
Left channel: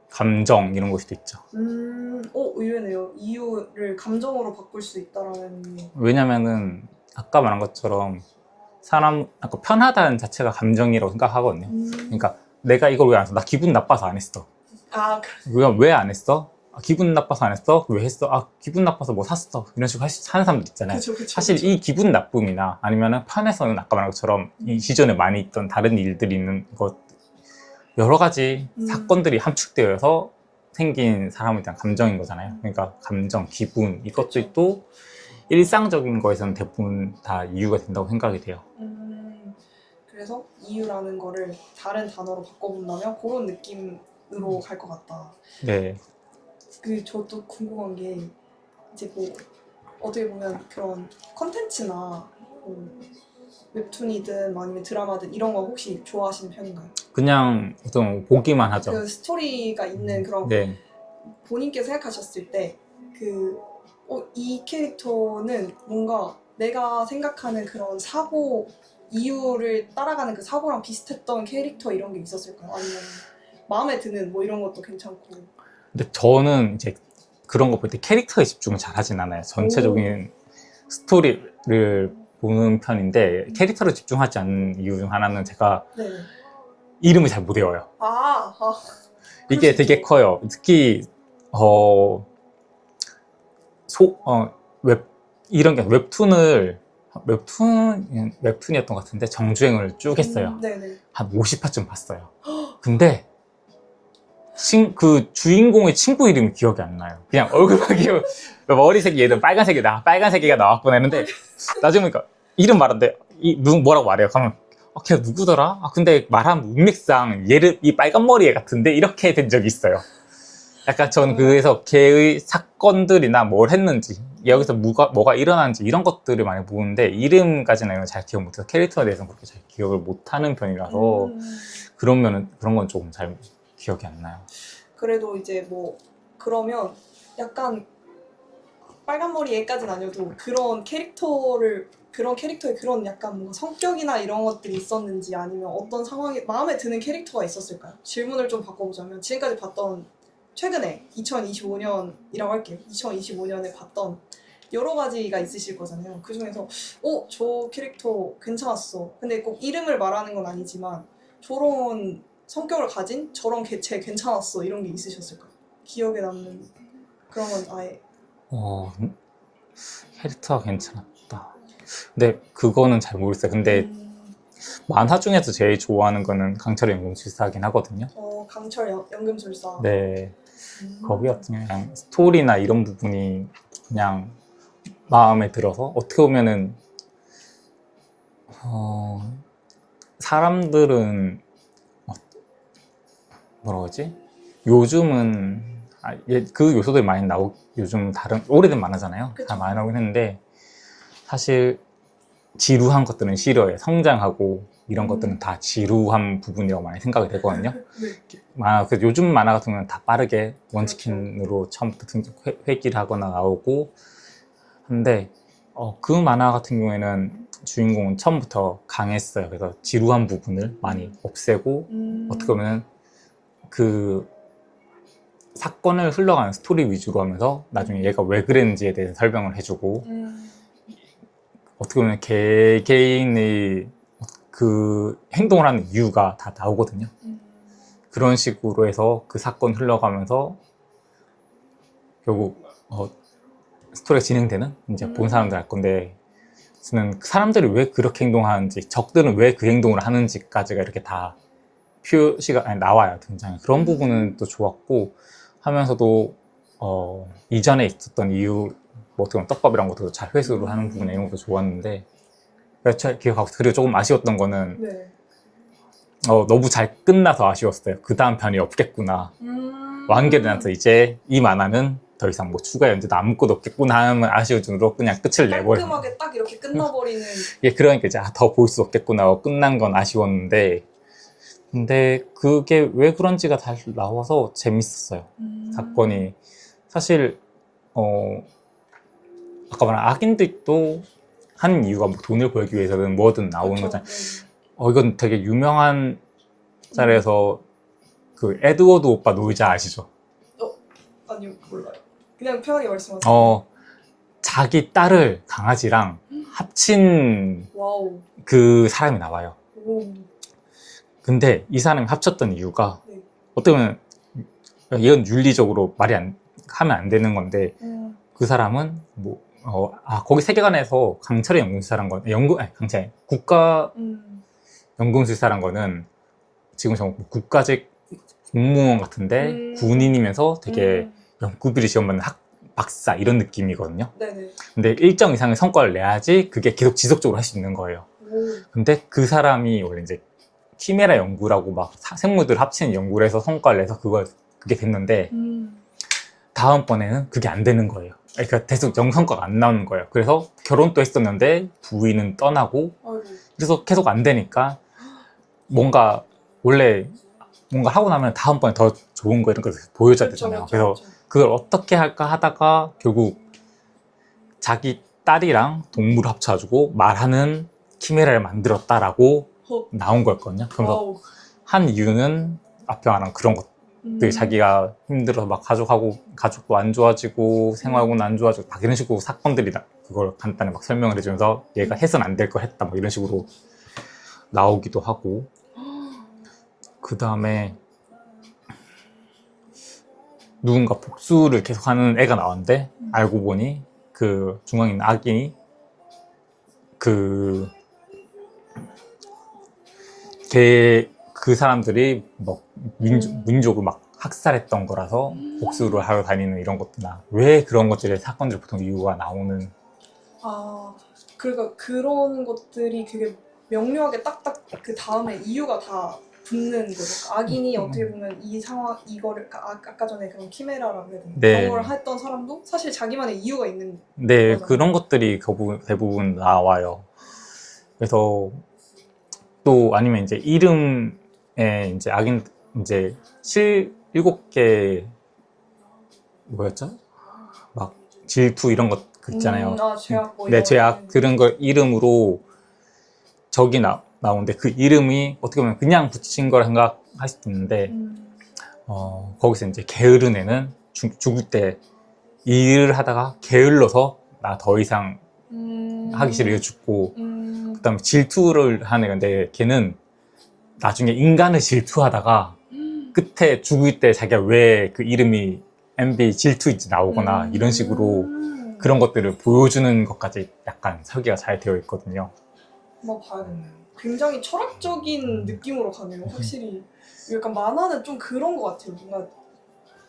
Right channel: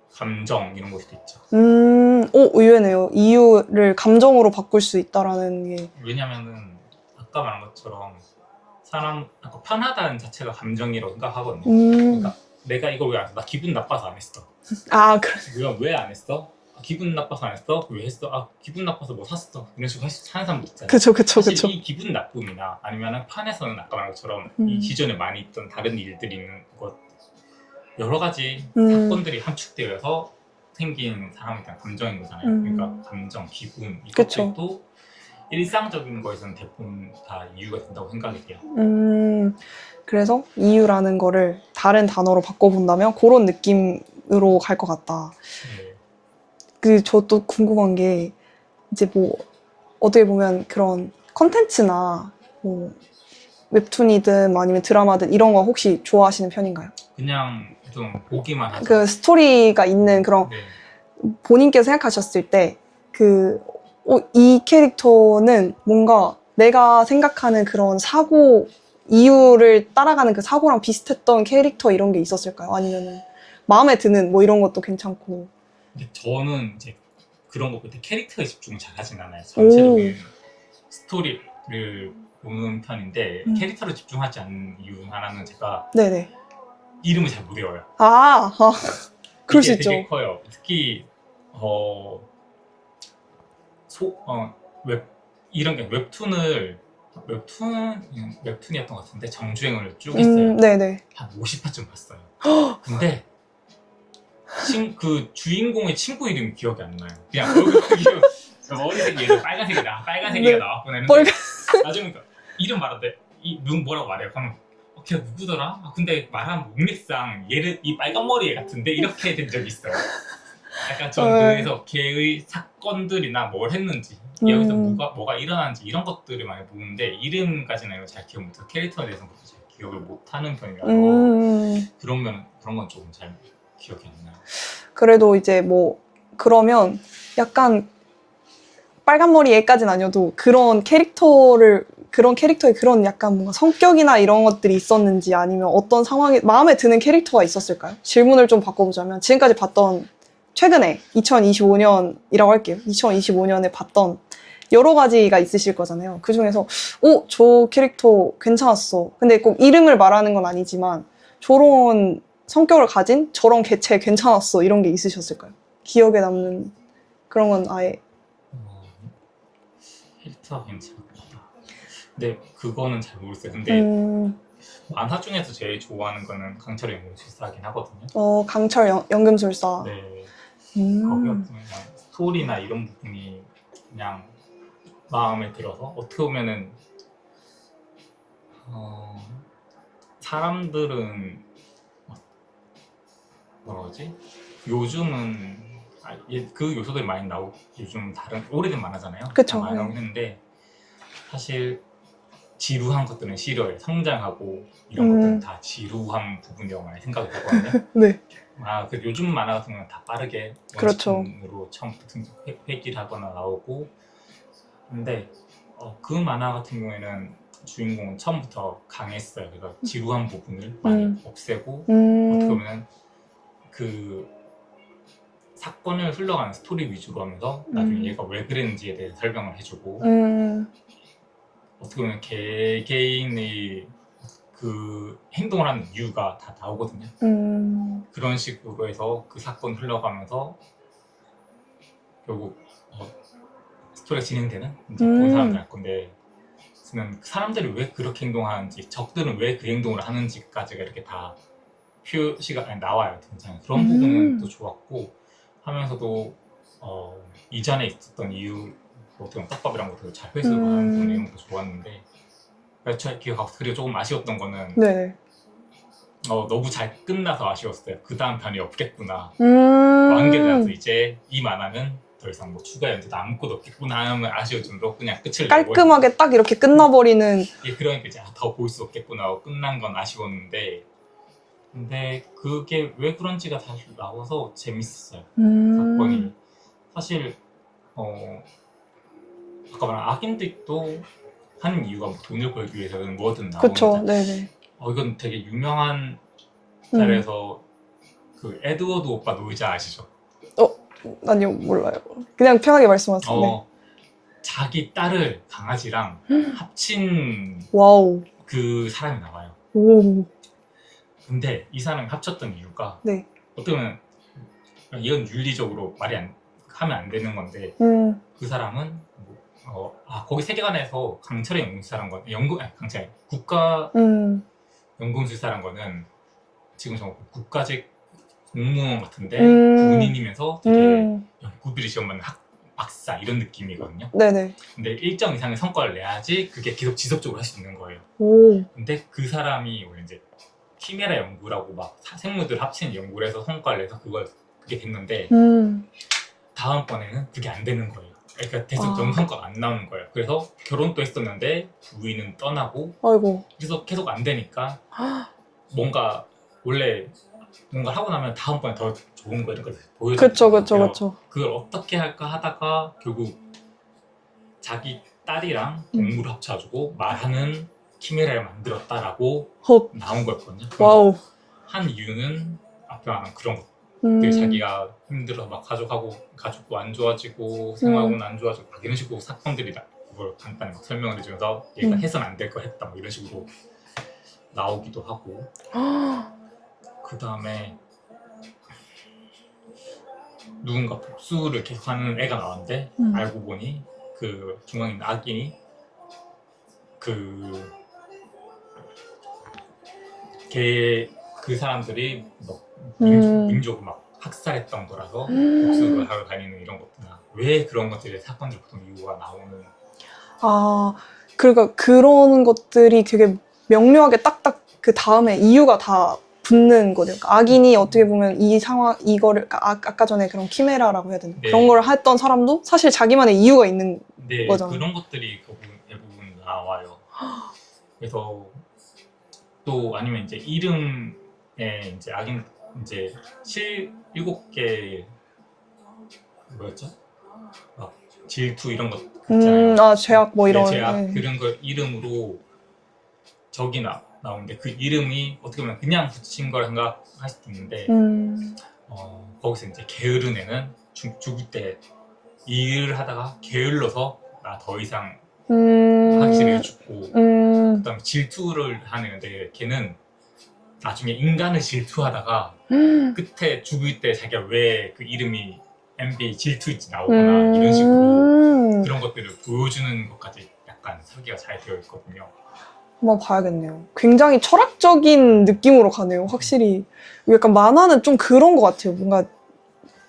감정 이런 걸 수도 있죠. 의외네요. 이유를 감정으로 바꿀 수 있다라는 게 왜냐면은 아까 말한 것처럼 사람 아까 편하다는 자체가 감정이라고 생각하거든요. 그러니까 내가 이걸 왜 안 했어? 나 기분 나빠서 안 했어. 그래. 왜 안 했어? 기분 나빠서 안 했어? 왜 했어? 기분 나빠서 뭐 샀어? 이런 식으로 하는 사람도 있잖아요. 그쵸. 사실 이 기분 나쁨이나 아니면은 편에서는 아까 말한 것처럼 이 기존에 많이 있던 다른 일들이 있는 것 여러 가지 사건들이 함축되어서 생긴 사람에 대한 감정인 거잖아요. 그러니까 감정, 기분 이것들이 또 일상적인 거에서는 대부분 다 이유가 된다고 생각이 돼요. 그래서 이유라는 거를 다른 단어로 바꿔본다면 그런 느낌으로 갈 것 같다. 네. 저도 궁금한 게 이제 뭐 어떻게 보면 그런 컨텐츠나 뭐 웹툰이든 아니면 드라마든 이런 거 혹시 좋아하시는 편인가요? 그냥 좀 보기만 하죠. 그 스토리가 있는 그런 네. 본인께서 생각하셨을 때 이 캐릭터는 뭔가 내가 생각하는 그런 사고 이유를 따라가는 그 사고랑 비슷했던 캐릭터 이런 게 있었을까요? 아니면 마음에 드는 뭐 이런 것도 괜찮고. 근데 저는 이제 그런 거 볼 때 캐릭터에 집중을 잘 하진 않아요. 전체적인 스토리를 보는 편인데 캐릭터를 집중하지 않는 이유 중 하나는 제가 네네. 이름을 잘 못 외워요. 그럴 수 이게 되게 있죠. 커요. 특히 이런 게 웹툰이었던 것 같은데 정주행을 쭉 했어요. 네네. 한 50화쯤 봤어요. 근데 그 주인공의 친구 이름이 기억이 안 나요. 그냥 얼굴 기억, 머리색이 얘는 빨간색이다. 빨간색이가 나왔구나 했는데 나중에 보니까 이름 말하는데 뭐라고 말해요. 그러면 걔 누구더라? 근데 말하면 문맥상 얘를 이 빨간 머리 애 같은데 이렇게 된 적이 있어요. 약간 전 그래서 걔의 사건들이나 뭘 했는지 여기서 뭐가 일어났는지 이런 것들을 많이 보는데 이름까지는 잘 기억 못해서 캐릭터에 대해서는 그렇게 잘 기억을 못하는 편이라서 그런 건 조금 잘 기억이 안 나요. 그래도 이제 뭐 그러면 약간 빨간머리 애까지는 아니어도 그런 캐릭터의 그런 약간 뭔가 성격이나 이런 것들이 있었는지 아니면 어떤 상황에 마음에 드는 캐릭터가 있었을까요? 질문을 좀 바꿔보자면 지금까지 봤던 최근에 2025년이라고 할게요. 2025년에 봤던 여러 가지가 있으실 거잖아요. 그 중에서 저 캐릭터 괜찮았어. 근데 꼭 이름을 말하는 건 아니지만 저런 성격을 가진 저런 개체 괜찮았어. 이런 게 있으셨을까요? 기억에 남는 그런 건 아예 캐릭터가 괜찮았다. 근데 그거는 잘 모르겠어요. 근데 만화 중에서 제일 좋아하는 거는 강철의 연금술사긴 하거든요. 강철 연금술사. 네. 거기 같은 경우는 그냥 스토리나 이런 부분이 그냥 마음에 들어서 어떻게 보면은 사람들은 뭐라 그러지? 요즘은 그 요소들이 많이 요즘 다른 오래된 만화잖아요. 그쵸. 다 많이 나오긴 했는데 사실 지루한 것들은 싫어요. 성장하고 이런 것들은 다 지루한 부분이라고 많이 생각이 되거든요. 네. 그래서 요즘 만화 같은 경우는 다 빠르게 그렇죠. 원치킨으로 처음부터 회귀를 하거나 나오고 근데 그 만화 같은 경우에는 주인공은 처음부터 강했어요. 그래서 지루한 부분을 많이 없애고 어떻게 보면 그 사건을 흘러가는 스토리 위주로 하면서 나중에 얘가 왜 그랬는지에 대해서 설명을 해주고 어떻게 보면 개개인의 그 행동을 하는 이유가 다 나오거든요. 그런 식으로 해서 그 사건 흘러가면서 결국 스토리가 진행되는 이제 본 사람들 알 건데 저는 사람들이 왜 그렇게 행동하는지 적들은 왜 그 행동을 하는지까지가 이렇게 다 표시가 나와요. 등장에 그런 부분은 또 좋았고 하면서도 이전에 있었던 이유 뭐 어떻게 보면 떡밥이란 것도 잘 회수를 하는 부분 내용도 좋았는데 잘 기억하고 그리고 조금 아쉬웠던 거는 네. 너무 잘 끝나서 아쉬웠어요. 그 다음 편이 없겠구나. 완결이 나서 이제 이 만화는 더 이상 뭐 추가 연재도 아무것도 없겠구나 하면 아쉬울 정도로 그냥 끝을 내버리고 깔끔하게 딱 이렇게 끝나버리는. 그러니까 이제 더 볼 수 없겠구나 하고 끝난 건 아쉬웠는데 근데 그게 왜 그런지가 다시 나와서 재밌었어요. 사건이 사실 아까 말한 악인들도 하는 이유가 뭐 돈을 벌기 위해서는 뭐든 나오는 그쵸. 거잖아요. 네네. 이건 되게 유명한 짤에서 그 에드워드 오빠 노이자 아시죠? 아니요, 몰라요. 그냥 편하게 말씀하세요. 자기 딸을 강아지랑 합친 와우. 그 사람이 나와요. 오. 근데 이 사람이 합쳤던 이유가 네. 어떻게 보면 이건 윤리적으로 하면 안 되는 건데 그 사람은 거기 세계관에서 강철의 연금술사란 건 국가 연금술사란 거는 지금 국가직 공무원 같은데 군인이면서 되게 연구비리 시험 받는 박사 이런 느낌이거든요. 네네. 근데 일정 이상의 성과를 내야지 그게 계속 지속적으로 할 수 있는 거예요. 근데 그 사람이 원래 이제 키메라 연구라고 막 생물들 합치는 연구를 해서 성과를 내서 그게 됐는데 다음번에는 그게 안 되는 거예요. 그러니까 계속 정성과가 안 나오는 거예요. 그래서 결혼도 했었는데 부인은 떠나고 아이고. 그래서 계속 안 되니까 뭔가 원래 뭔가 하고 나면 다음번에 더 좋은 거 이런 거 보여줘야 되잖아요. 그래서 그걸 어떻게 할까 하다가 결국 자기 딸이랑 동물을 합쳐가지고 말하는 키메라를 만들었다라고 나온 거였거든요. 한 이유는 앞에 말한 그런 것들 자기가 힘들어서 막 가족도 안 좋아지고 생활하고는 안 좋아지고 막 이런 식으로 사건들이 그걸 간단히 막 설명을 해주면서 얘가 해서는 안 될 걸 했다 막 이런 식으로 나오기도 하고 그 다음에 누군가 복수를 계속하는 애가 나왔는데 알고 보니 그 중앙에 있는 악인이 그 사람들이 뭐 민족을 막 학살했던 거라서 복수를 하러 다니는 이런 것들이나 왜 그런 것들의 사건들 보통 이유가 나오는 그러니까 그런 것들이 되게 명료하게 딱딱 그 다음에 이유가 다 붙는 거죠. 악인이 어떻게 보면 이 상황 이거를 아까 전에 그런 키메라라고 해야 되나? 네. 그런 걸 했던 사람도 사실 자기만의 이유가 있는 거잖아요. 그런 것들이 대부분 나와요. 그래서 또 아니면 이제 이름에 이제 악인 이제 7개 뭐였죠? 막 질투 이런 것 있잖아요. 제약 뭐 이런. 네, 제약 네. 그런 걸 이름으로 적이 나오는데 그 이름이 어떻게 보면 그냥 붙인 걸 생각할 수도 있는데 거기서 이제 게으른 애는 죽을 때 일을 하다가 게을러서 나 더 이상 하기 싫어 죽고 그다음에 질투를 하는 애인데 걔는 나중에 인간을 질투하다가 끝에 죽을 때 자기가 왜 그 이름이 MB 질투인지 나오거나 이런 식으로 그런 것들을 보여주는 것까지 약간 설계가 잘 되어 있거든요. 한번 봐야겠네요. 굉장히 철학적인 느낌으로 가네요. 확실히 약간 만화는 좀 그런 것 같아요. 뭔가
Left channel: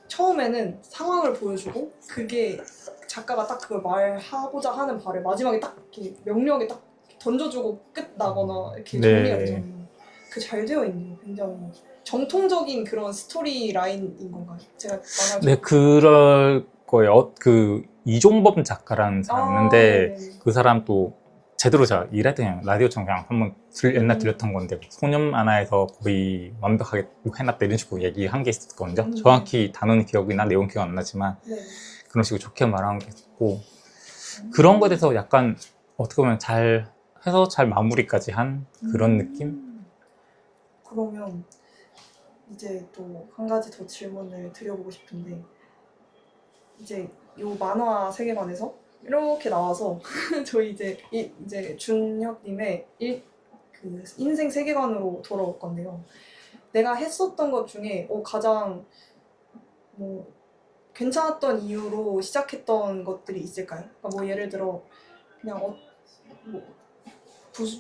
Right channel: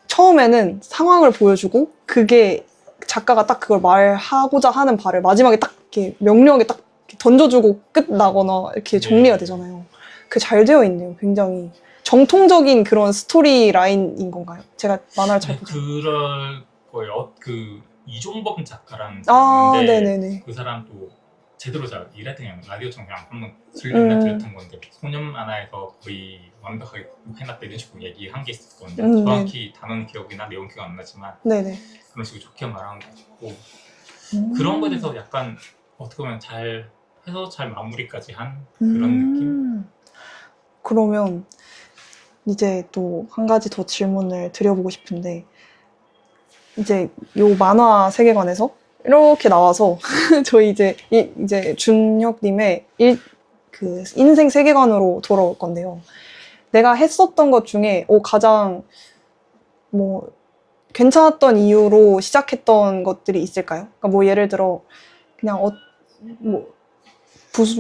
처음에는 상황을 보여주고 그게 작가가 딱 그걸 말하고자 하는 바를 마지막에 딱 이렇게 명료하게 딱 던져주고 끝나거나 이렇게 정리가 네. 되잖아요. 그게 잘 되어 있네요. 굉장히 정통적인 그런 스토리 라인인 건가요? 제가 만화를 잘 네, 그럴 거예요. 그 이종범 작가라는 사람이 있는데 네네네. 그 사람 또 제대로 잘 일할 때 그냥 라디오처럼 그냥 한번 옛날 들렸던 건데 소년 만화에서 거의 완벽하게 해놨다 이런 식으로 얘기한 게 있었거든요. 정확히 단어는 기억이나 내용 기억 안 나지만 네네. 그런 식으로 좋게 말한 게 있고 그런 거에 대해서 약간 어떻게 보면 잘 해서 잘 마무리까지 한 그런 느낌? 그러면 이제 또 한 가지 더 질문을 드려보고 싶은데 이제 요 만화 세계관에서 이렇게 나와서 저희 이제 준혁님의 그 인생 세계관으로 돌아올 건데요. 내가 했었던 것 중에 가장 뭐 괜찮았던 이유로 시작했던 것들이 있을까요? 그러니까 뭐 예를 들어 그냥 뭐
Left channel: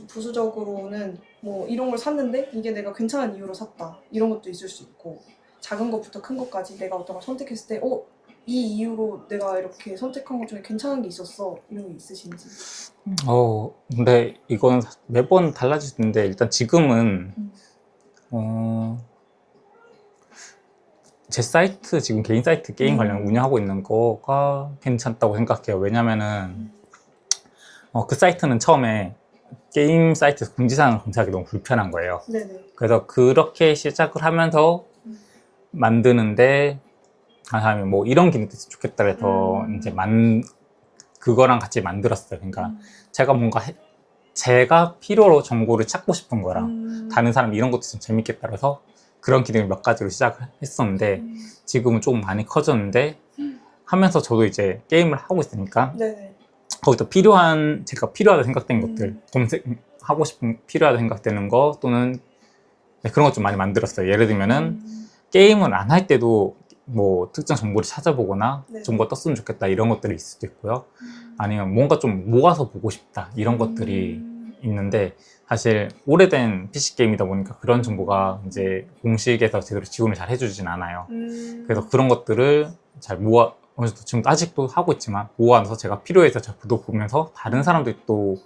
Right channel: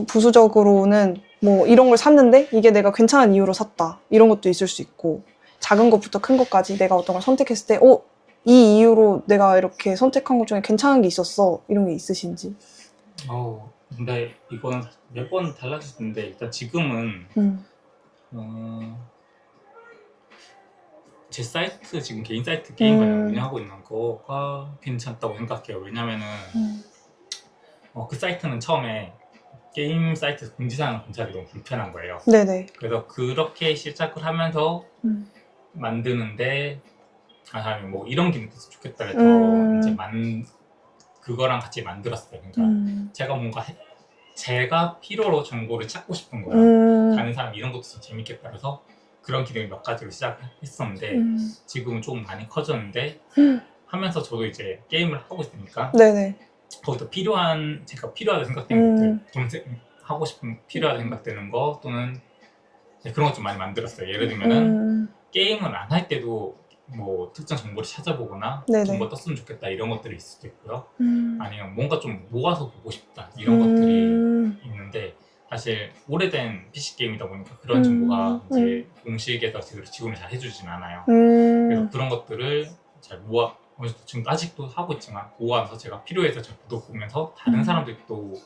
부수적으로는 뭐 이런 걸 샀는데 이게 내가 괜찮은 이유로 샀다 이런 것도 있을 수 있고 작은 것부터 큰 것까지 내가 어떤 걸 선택했을 때 이 이유로 내가 이렇게 선택한 것 중에 괜찮은 게 있었어 이런 게 있으신지. 근데 이건 매번 달라질 수 있는데 일단 지금은 제 사이트 지금 개인 사이트 게임 관련 운영하고 있는 거가 괜찮다고 생각해요. 왜냐면은 그 사이트는 처음에 게임 사이트에서 공지사항을 검색하기 너무 불편한 거예요. 네네. 그래서 그렇게 시작을 하면서 만드는데 한 사람이 뭐 이런 기능이 있으면 좋겠다 해서 이제 그거랑 같이 만들었어요. 그러니까 제가 뭔가 제가 필요로 정보를 찾고 싶은 거랑 다른 사람이 이런 것도 좀 재밌겠다 해서 그런 기능을 몇 가지로 시작을 했었는데 지금은 좀 많이 커졌는데 하면서 저도 이제 게임을 하고 있으니까 네네. 거기서 제가 필요하다 생각된 것들 검색하고 싶은 필요하다 생각되는 거 또는 그런 것 좀 많이 만들었어요. 예를 들면은 게임을 안 할 때도 뭐 특정 정보를 찾아보거나 네네. 정보가 떴으면 좋겠다 이런 것들이 있을 수도 있고요. 아니면 뭔가 좀 모아서 보고 싶다 이런 것들이 있는데 사실 오래된 PC 게임이다 보니까 그런 정보가 이제 공식에서 제대로 지원을 잘 해주진 않아요. 그래서 그런 것들을 잘 어느 정도 지금 아직도 하고 있지만 모아서 제가 필요해서 자꾸 보면서 다른 사람들이 또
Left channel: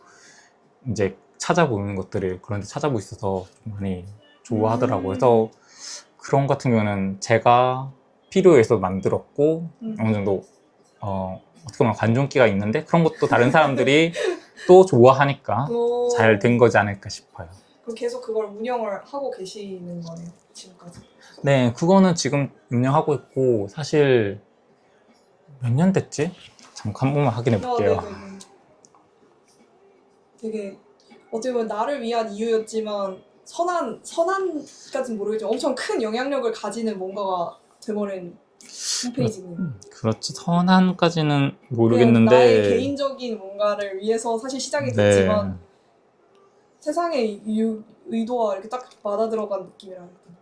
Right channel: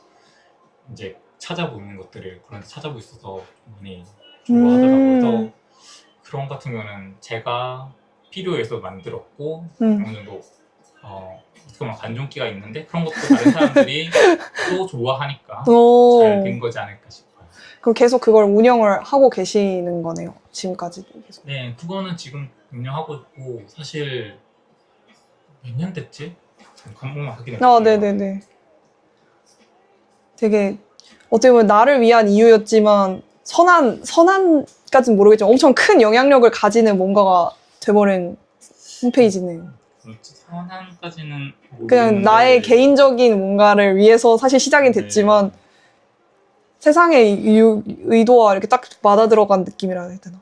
이제 찾아보는 것들을 그런데 찾아보고 있어서 좀 많이 좋아하더라고요. 그래서 그런 것 같은 경우는 제가 필요해서 만들었고 어느 정도 어떻게 보면 관종기가 있는데 그런 것도 다른 사람들이 또 좋아하니까 잘 된 거지 않을까 싶어요. 그럼 계속 그걸 운영을 하고 계시는 거네요, 지금까지. 네, 그거는 지금 운영하고 있고 사실 몇 년 됐지? 잠깐 한 번만 확인해 볼게요. 네네네. 되게 어떻게 보면 나를 위한 이유였지만 선한까지는 모르겠지만 엄청 큰 영향력을 가지는 뭔가가 돼버린 홈페이지네요. 그렇지 선한까지는 모르겠는데 그냥 나의 개인적인 뭔가를 위해서 사실 시작이 됐지만 세상의 의도와 이렇게 딱 맞아 들어간 느낌이라 해야 되나.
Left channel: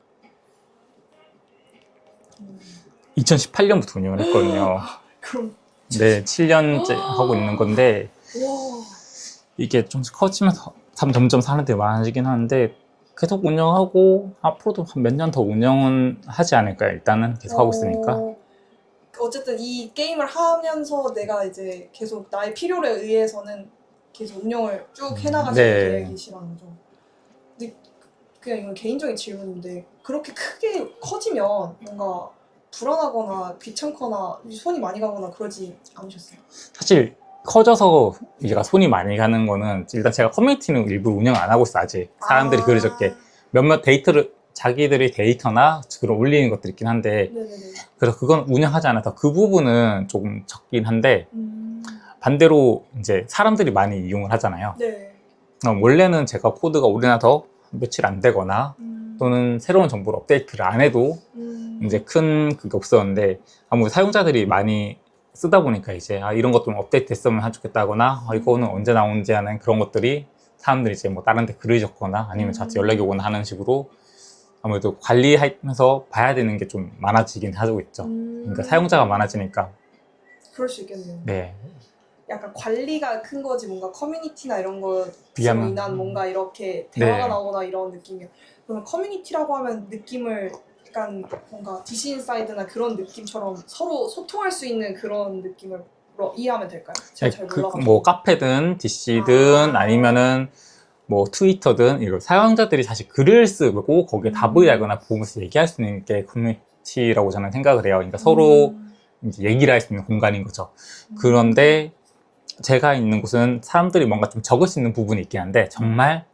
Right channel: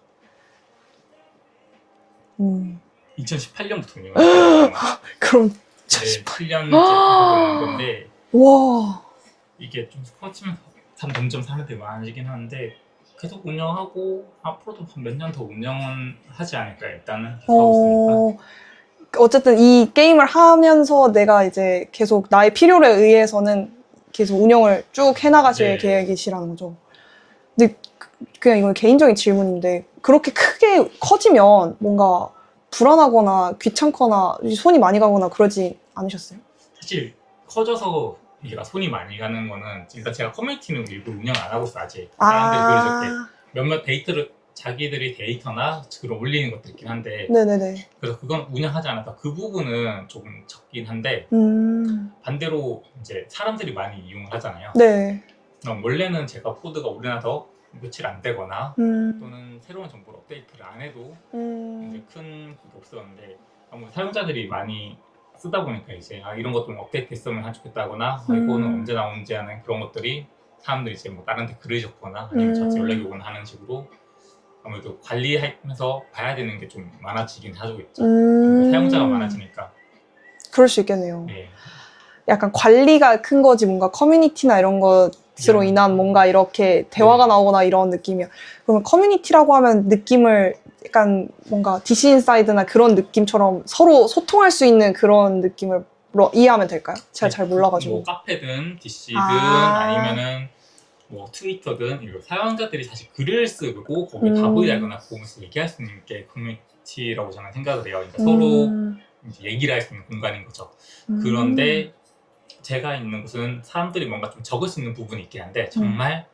2018년부터 운영을 했거든요. 그럼 네, 7년째 하고 있는 건데 와. 이게 좀 커지면서 점점 사람들이 많아지긴 하는데 계속 운영하고 앞으로도 몇 년 더 운영은 하지 않을까요? 일단은 계속 하고 있으니까. 어쨌든 이 게임을 하면서 내가 이제 계속 나의 필요에 의해서는 계속 운영을 쭉 해나가실 계획이시라는 거죠. 근데 그냥 이건 개인적인 질문인데 그렇게 크게 커지면 뭔가 불안하거나 귀찮거나 손이 많이 가거나 그러지 않으셨어요? 사실 커져서 얘가 손이 많이 가는 거는 일단 제가 커뮤니티는 일부 운영 안 하고 있어 아직. 사람들이 그러셨게 몇몇 자기들이 데이터나 그런 올리는 것들이 있긴 한데 네네네. 그래서 그건 운영하지 않아서 그 부분은 조금 적긴 한데 반대로 이제 사람들이 많이 이용을 하잖아요. 네. 원래는 제가 코드가 오래나서 며칠 안 되거나 또는 새로운 정보를 업데이트를 안 해도 이제 큰 그게 없었는데 아무래도 사용자들이 많이 쓰다 보니까 이제 이런 것 좀 업데이트 됐으면 좋겠다거나 이거는 언제 나오는지 하는 그런 것들이 사람들이 이제 뭐 다른 데 글을 적거나 아니면 자체 연락이 오거나 하는 식으로 아무래도 관리하면서 봐야 되는 게 좀 많아지긴 하고 있죠. 그러니까 사용자가 많아지니까. 그럴 수 있겠네요. 네. 약간 관리가 큰 거지 뭔가 커뮤니티나 이런 것으로 인한 뭔가 이렇게 대화가 네. 나오거나 이런 느낌이야. 그러면 커뮤니티라고 하면 느낌을 약간 뭔가 DC 인사이드나 그런 느낌처럼 서로 소통할 수 있는 그런 느낌을 이해하면 될까요? 제가 잘 몰라가지고. 뭐 카페든 DC든 아니면은 뭐 트위터든 이런 사용자들이 사실 글을 쓰고 거기에 답을 달거나 보면서 얘기할 수 있는 게 커뮤니티라고 저는 생각을 해요. 그러니까 서로 이제 얘기를 할 수 있는 공간인 거죠. 그런데 제가 있는 곳은 사람들이 뭔가 좀 적을 수 있는 부분이 있긴 한데 정말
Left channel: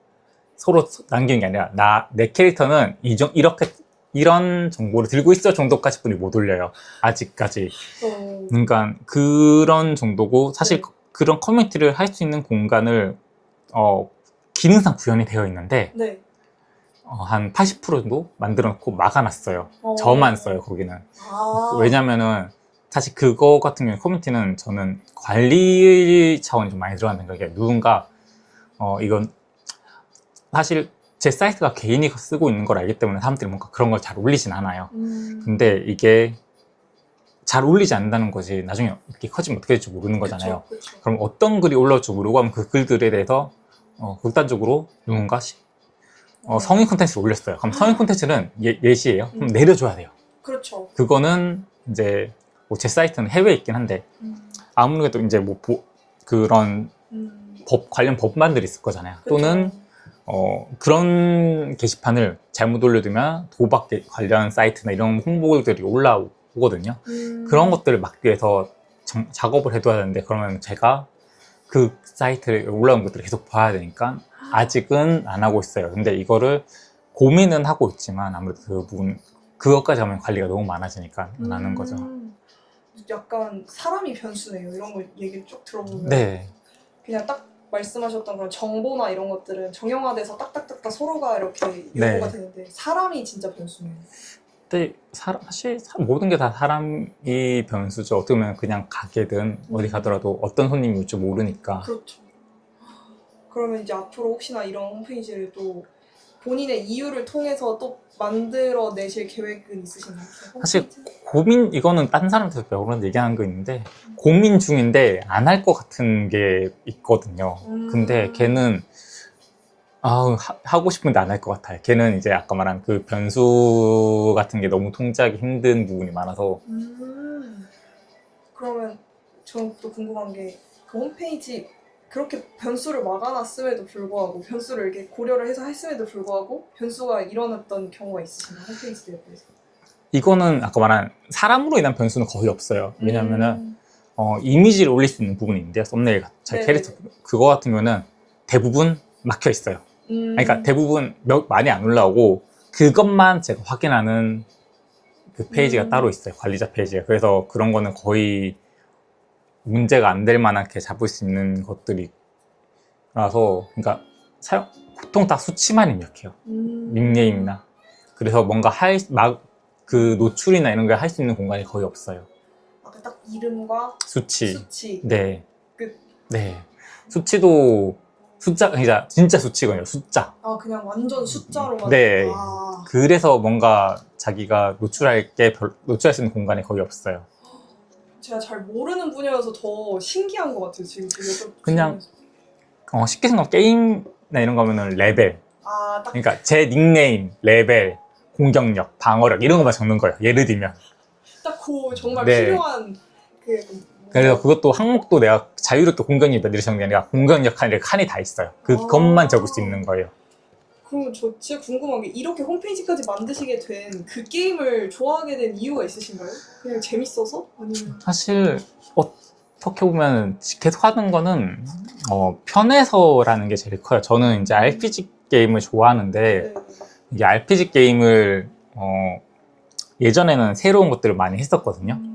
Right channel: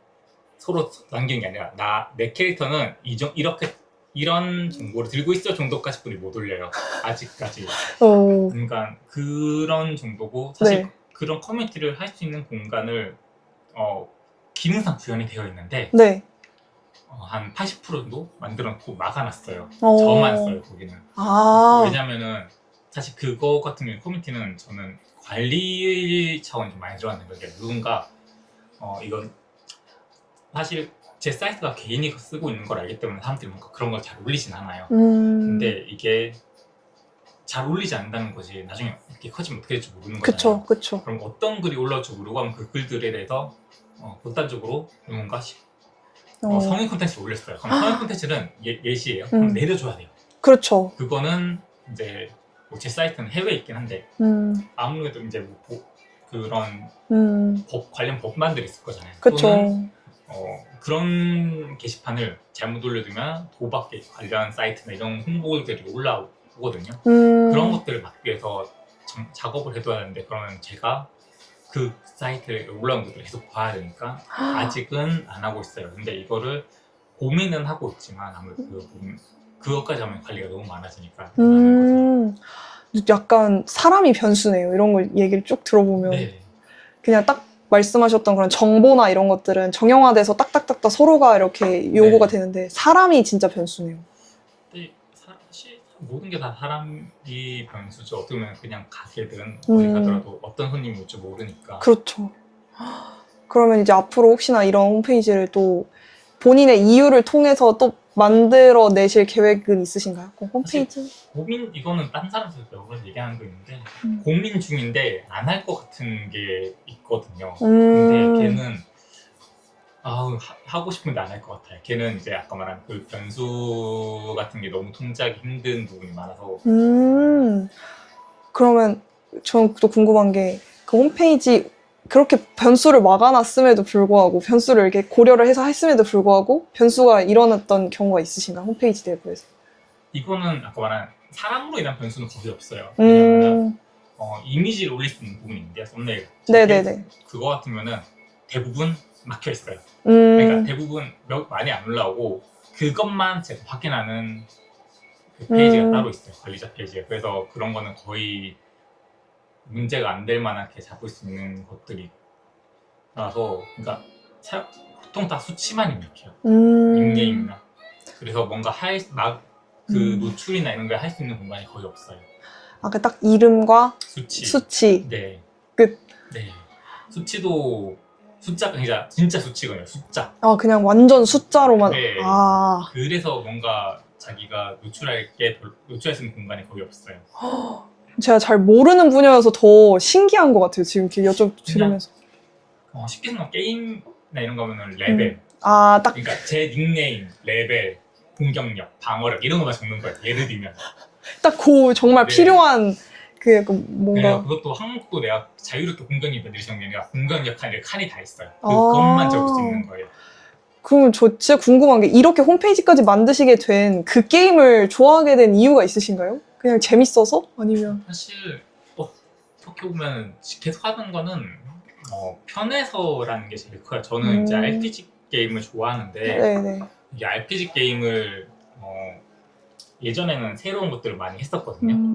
서로 남기는 게 아니라 내 캐릭터는 이렇게 이런 정보를 들고 있어 정도까지 분이 못 올려요. 아직까지. 그러니까 그런 정도고 사실 네. 그런 커뮤니티를 할 수 있는 공간을 기능상 구현이 되어 있는데 네. 한 80% 정도 만들어 놓고 막아놨어요. 저만 써요 거기는. 왜냐면은 사실 그거 같은 경우에 커뮤니티는 저는 관리 차원이 좀 많이 들어가는 거예요. 누군가 이건 사실 제 사이트가 개인이 쓰고 있는 걸 알기 때문에 사람들이 뭔가 그런 걸 잘 올리진 않아요. 근데 이게 잘 올리지 않는다는 것이 나중에 이렇게 커지면 어떻게 될지 모르는 거잖아요. 그쵸. 그럼 어떤 글이 올라올지 모르고 하면 그 글들에 대해서 극단적으로 누군가 성인 콘텐츠를 올렸어요. 그럼 성인 콘텐츠는 예시예요. 그럼 내려줘야 돼요. 그렇죠. 그거는 이제 뭐 제 사이트는 해외에 있긴 한데 아무래도 이제 뭐 그런 관련 법만들이 있을 거잖아요. 그쵸. 또는 그런 게시판을 잘못 올려두면 도박 관련 사이트나 이런 홍보글들이 올라오거든요. 그런 것들을 막기 위해서 작업을 해둬야 되는데 그러면 제가 그 사이트에 올라온 것들을 계속 봐야 되니까 아직은 안 하고 있어요. 근데 이거를 고민은 하고 있지만 아무래도 그 부분 그것까지 하면 관리가 너무 많아지니까 안 하는 거죠. 약간 사람이 변수네요. 이런 걸 얘기를 쭉 들어보면 네. 그냥 딱 말씀하셨던 그런 정보나 이런 것들은 정형화돼서 딱딱딱딱 서로가 이렇게 요구가 되는데 사람이 진짜 변수네요. 근데 사실 모든 게 다 사람이 변수죠. 어떻게 보면 그냥 가게든 어디 가더라도 어떤 손님이 올지 모르니까. 그렇죠. 그러면 이제 앞으로 혹시나 이런 홈페이지를 또 본인의 이유를 통해서 또 만들어 내실 계획은 있으신가요? 홈페이지? 사실 이거는 다른 사람한테 여러 번 얘기하는 거 있는데 고민 중인데 안 할 것 같은 게 있거든요. 근데 걔는 하고 싶은데 안 할 것 같아요. 걔는 이제 아까 말한 그 변수 같은 게 너무 통제하기 힘든 부분이 많아서. 그러면 저는 또 궁금한 게 그 홈페이지 그렇게 변수를 막아놨음에도 불구하고 변수를 이렇게 고려를 해서 했음에도 불구하고 변수가 일어났던 경우가 있으신가요? 홈페이지 내부에서? 이거는 아까 말한 사람으로 인한 변수는 거의 없어요. 왜냐하면 이미지를 올릴 수 있는 부분이 있는데요. 썸네일 같은 그거 같은 경우는 대부분 막혀 있어요. 그러니까 대부분 많이 안 올라오고 그것만 제가 확인하는 그 페이지가 따로 있어요. 관리자 페이지가. 그래서 그런 거는 거의 문제가 안 될 만하게 잡을 수 있는 것들이라서 그러니까 보통 다 수치만 입력해요. 닉네임이나. 그래서 뭔가 노출이나 이런 걸 할 수 있는 공간이 거의 없어요. 그 딱 이름과 수치. 네. 끝. 네. 수치도 그러니까 진짜 수치거든요. 숫자. 그냥 완전 숫자로만. 네. 그래서 뭔가 자기가 노출할 수 있는 공간이 거의 없어요. 제가 잘 모르는 분야여서 더 신기한 것 같아요. 지금 여쭤보면서. 쉽게 생각하면 게임이나 이런 거면은 레벨. 그러니까 제 닉네임, 레벨, 공격력, 방어력 이런 것만 적는 거예요. 예를 들면. 딱 정말 필요한 뭔가. 그래서 그것도 항목도 내가 자유롭게 공격력 몇 적는 게 아니라 공격력 칸이 다 있어요. 그것만 적을 수 있는 거예요. 그러면 저 진짜 궁금한 게 이렇게 홈페이지까지 만드시게 된 그 게임을 좋아하게 된 이유가 있으신가요? 그냥 재밌어서? 아니면? 사실 어떻게 보면 계속 하는 거는 편해서라는 게 제일 커요. 저는 이제 RPG 게임을 좋아하는데 네네. 이 RPG 게임을 예전에는 새로운 것들을 많이 했었거든요.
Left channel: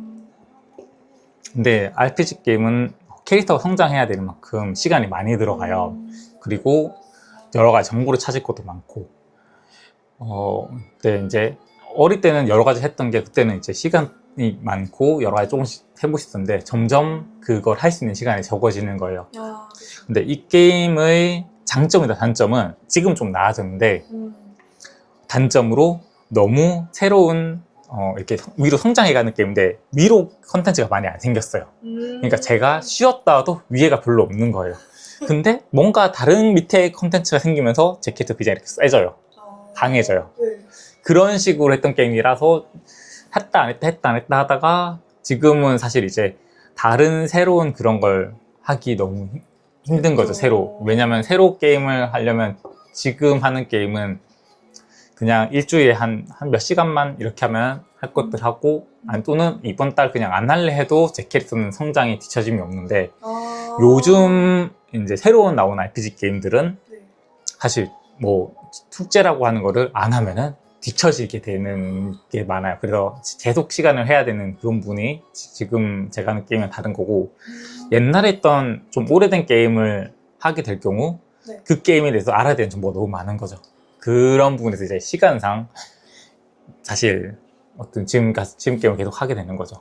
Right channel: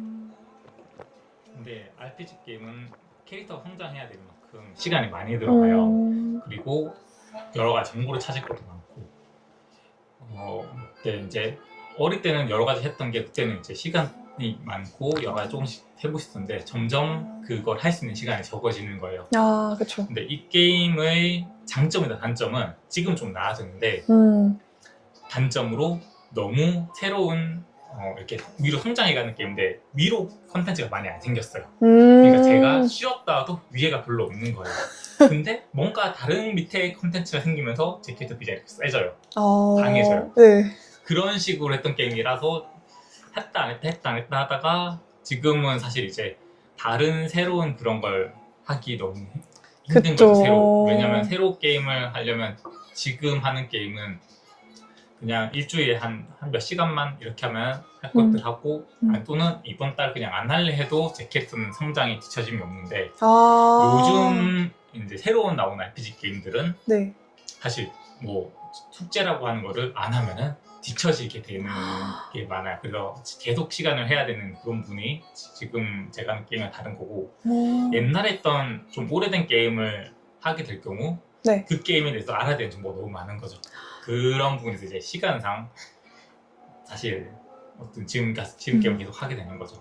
근데 RPG 게임은 캐릭터가 성장해야 되는 만큼 시간이 많이 들어가요. 그리고 여러 가지 정보를 찾을 것도 많고 근데 이제 어릴 때는 여러 가지 했던 게 그때는 이제 시간이 많고 여러 가지 조금씩 해보고 싶었는데 점점 그걸 할 수 있는 시간이 적어지는 거예요. 아, 그쵸. 근데 이 게임의 장점이다 단점은 지금 좀 나아졌는데 단점으로 너무 새로운 이렇게 위로 성장해가는 게임인데 위로 컨텐츠가 많이 안 생겼어요. 그러니까 제가 쉬었다도 위에가 별로 없는 거예요. 근데 뭔가 다른 밑에 컨텐츠가 생기면서 제 캐릭터 비장이 이렇게 세져요. 강해져요. 네. 그런 식으로 했던 게임이라서 했다 안 했다 했다 안 했다 하다가 지금은 사실 이제 다른 새로운 그런 걸 하기 너무 힘든 그쵸. 거죠. 새로. 왜냐면 새로 게임을 하려면 지금 하는 게임은 그냥 일주일에 한 몇 시간만 이렇게 하면 할 것들 하고 또는 이번 달 그냥 안 할래 해도 제 캐릭터는 성장이 뒤처짐이 없는데 요즘 이제 새로운 나온 RPG 게임들은 네. 사실 뭐 숙제라고 하는 거를 안 하면은 뒤처지게 되는 게 많아요. 그래서 계속 시간을 해야 되는 그런 부분이 지금 제가 하는 게임은 다른 거고 옛날에 했던 좀 오래된 게임을 하게 될 경우 네. 그 게임에 대해서 알아야 되는 정보가 너무 많은 거죠. 그런 부분에서 이제 시간상 사실 어떤 지금 게임을 계속 하게 되는 거죠.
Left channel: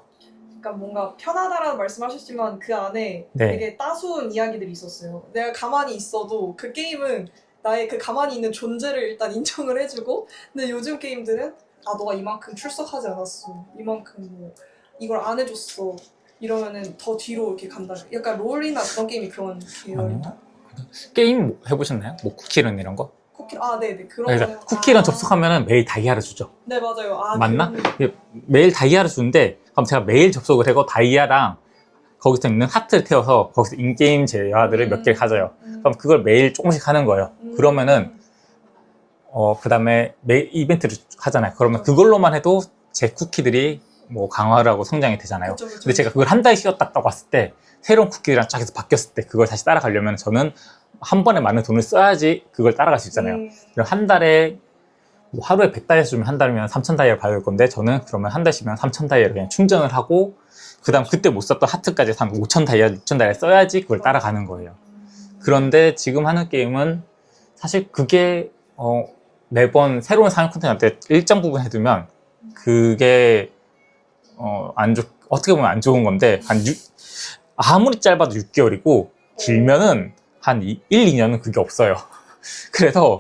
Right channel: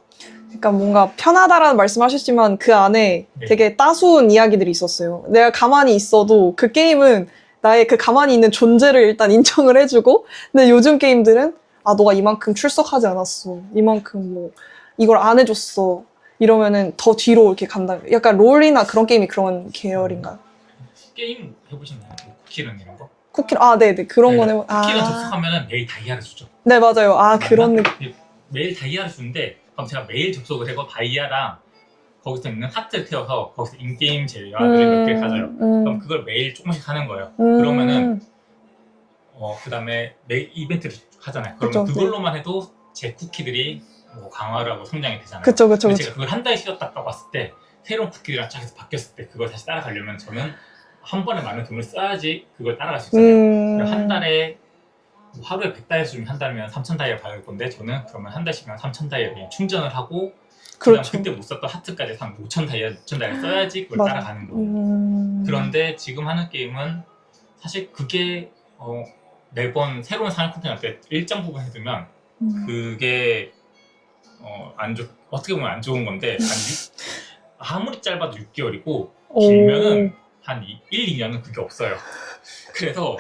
그러니까 뭔가 편하다라는 말씀하셨지만 그 안에 네. 되게 따스운 이야기들이 있었어요. 내가 가만히 있어도 그 게임은 나의 그 가만히 있는 존재를 일단 인정을 해주고, 근데 요즘 게임들은 아, 너가 이만큼 출석하지 않았어, 이만큼 뭐 이걸 안 해줬어 이러면은 더 뒤로 이렇게 간다. 약간 롤이나 그런 게임이 그런 계열인가요? 게임 뭐 해보셨나요? 뭐 쿠키런 이런 거? 쿠키런, 아, 네네, 그런 거는. 쿠키런 접속하면 매일 다이아를 주죠. 네, 맞아요. 아, 맞나? 그런 느낌. 매일 다이아를 주는데 그럼 제가 매일 접속을 하고 다이아랑 거기서 있는 하트를 태워서 거기서 인게임 재화들을 몇 개 가져요. 그럼 그걸 매일 조금씩 하는 거예요. 그러면은 그 다음에 매일 이벤트를 하잖아요. 그러면 그쵸. 그걸로만 해도 제 쿠키들이 뭐 강화를 하고 성장이 되잖아요. 그쵸. 근데 제가 그걸 한 달 쉬었다 딱 왔을 때 새로운 쿠키들이랑 쫙 해서 바뀌었을 때 그걸 다시 따라가려면 저는 한 번에 많은 돈을 써야지 그걸 따라갈 수 있잖아요. 그럼 한 달에 뭐 하루에 100다이아 주면 한 달이면 3000다이아 받을 건데 저는 그러면 한 달 쉬면 3000다이아 그냥 충전을 하고 그다음 그렇죠. 그때 못 썼던 하트까지 한 5000다이아, 6000다이아 써야지 그걸 맞아. 따라가는 거예요. 그런데 지금 하는 게임은 사실 그게 매번 새로운 상용 콘텐츠한테 일정 부분 해두면 그게 어떻게 보면 안 좋은 건데 아무리 짧아도 6개월이고 길면은 한 1, 2년은 그게 없어요. 그래서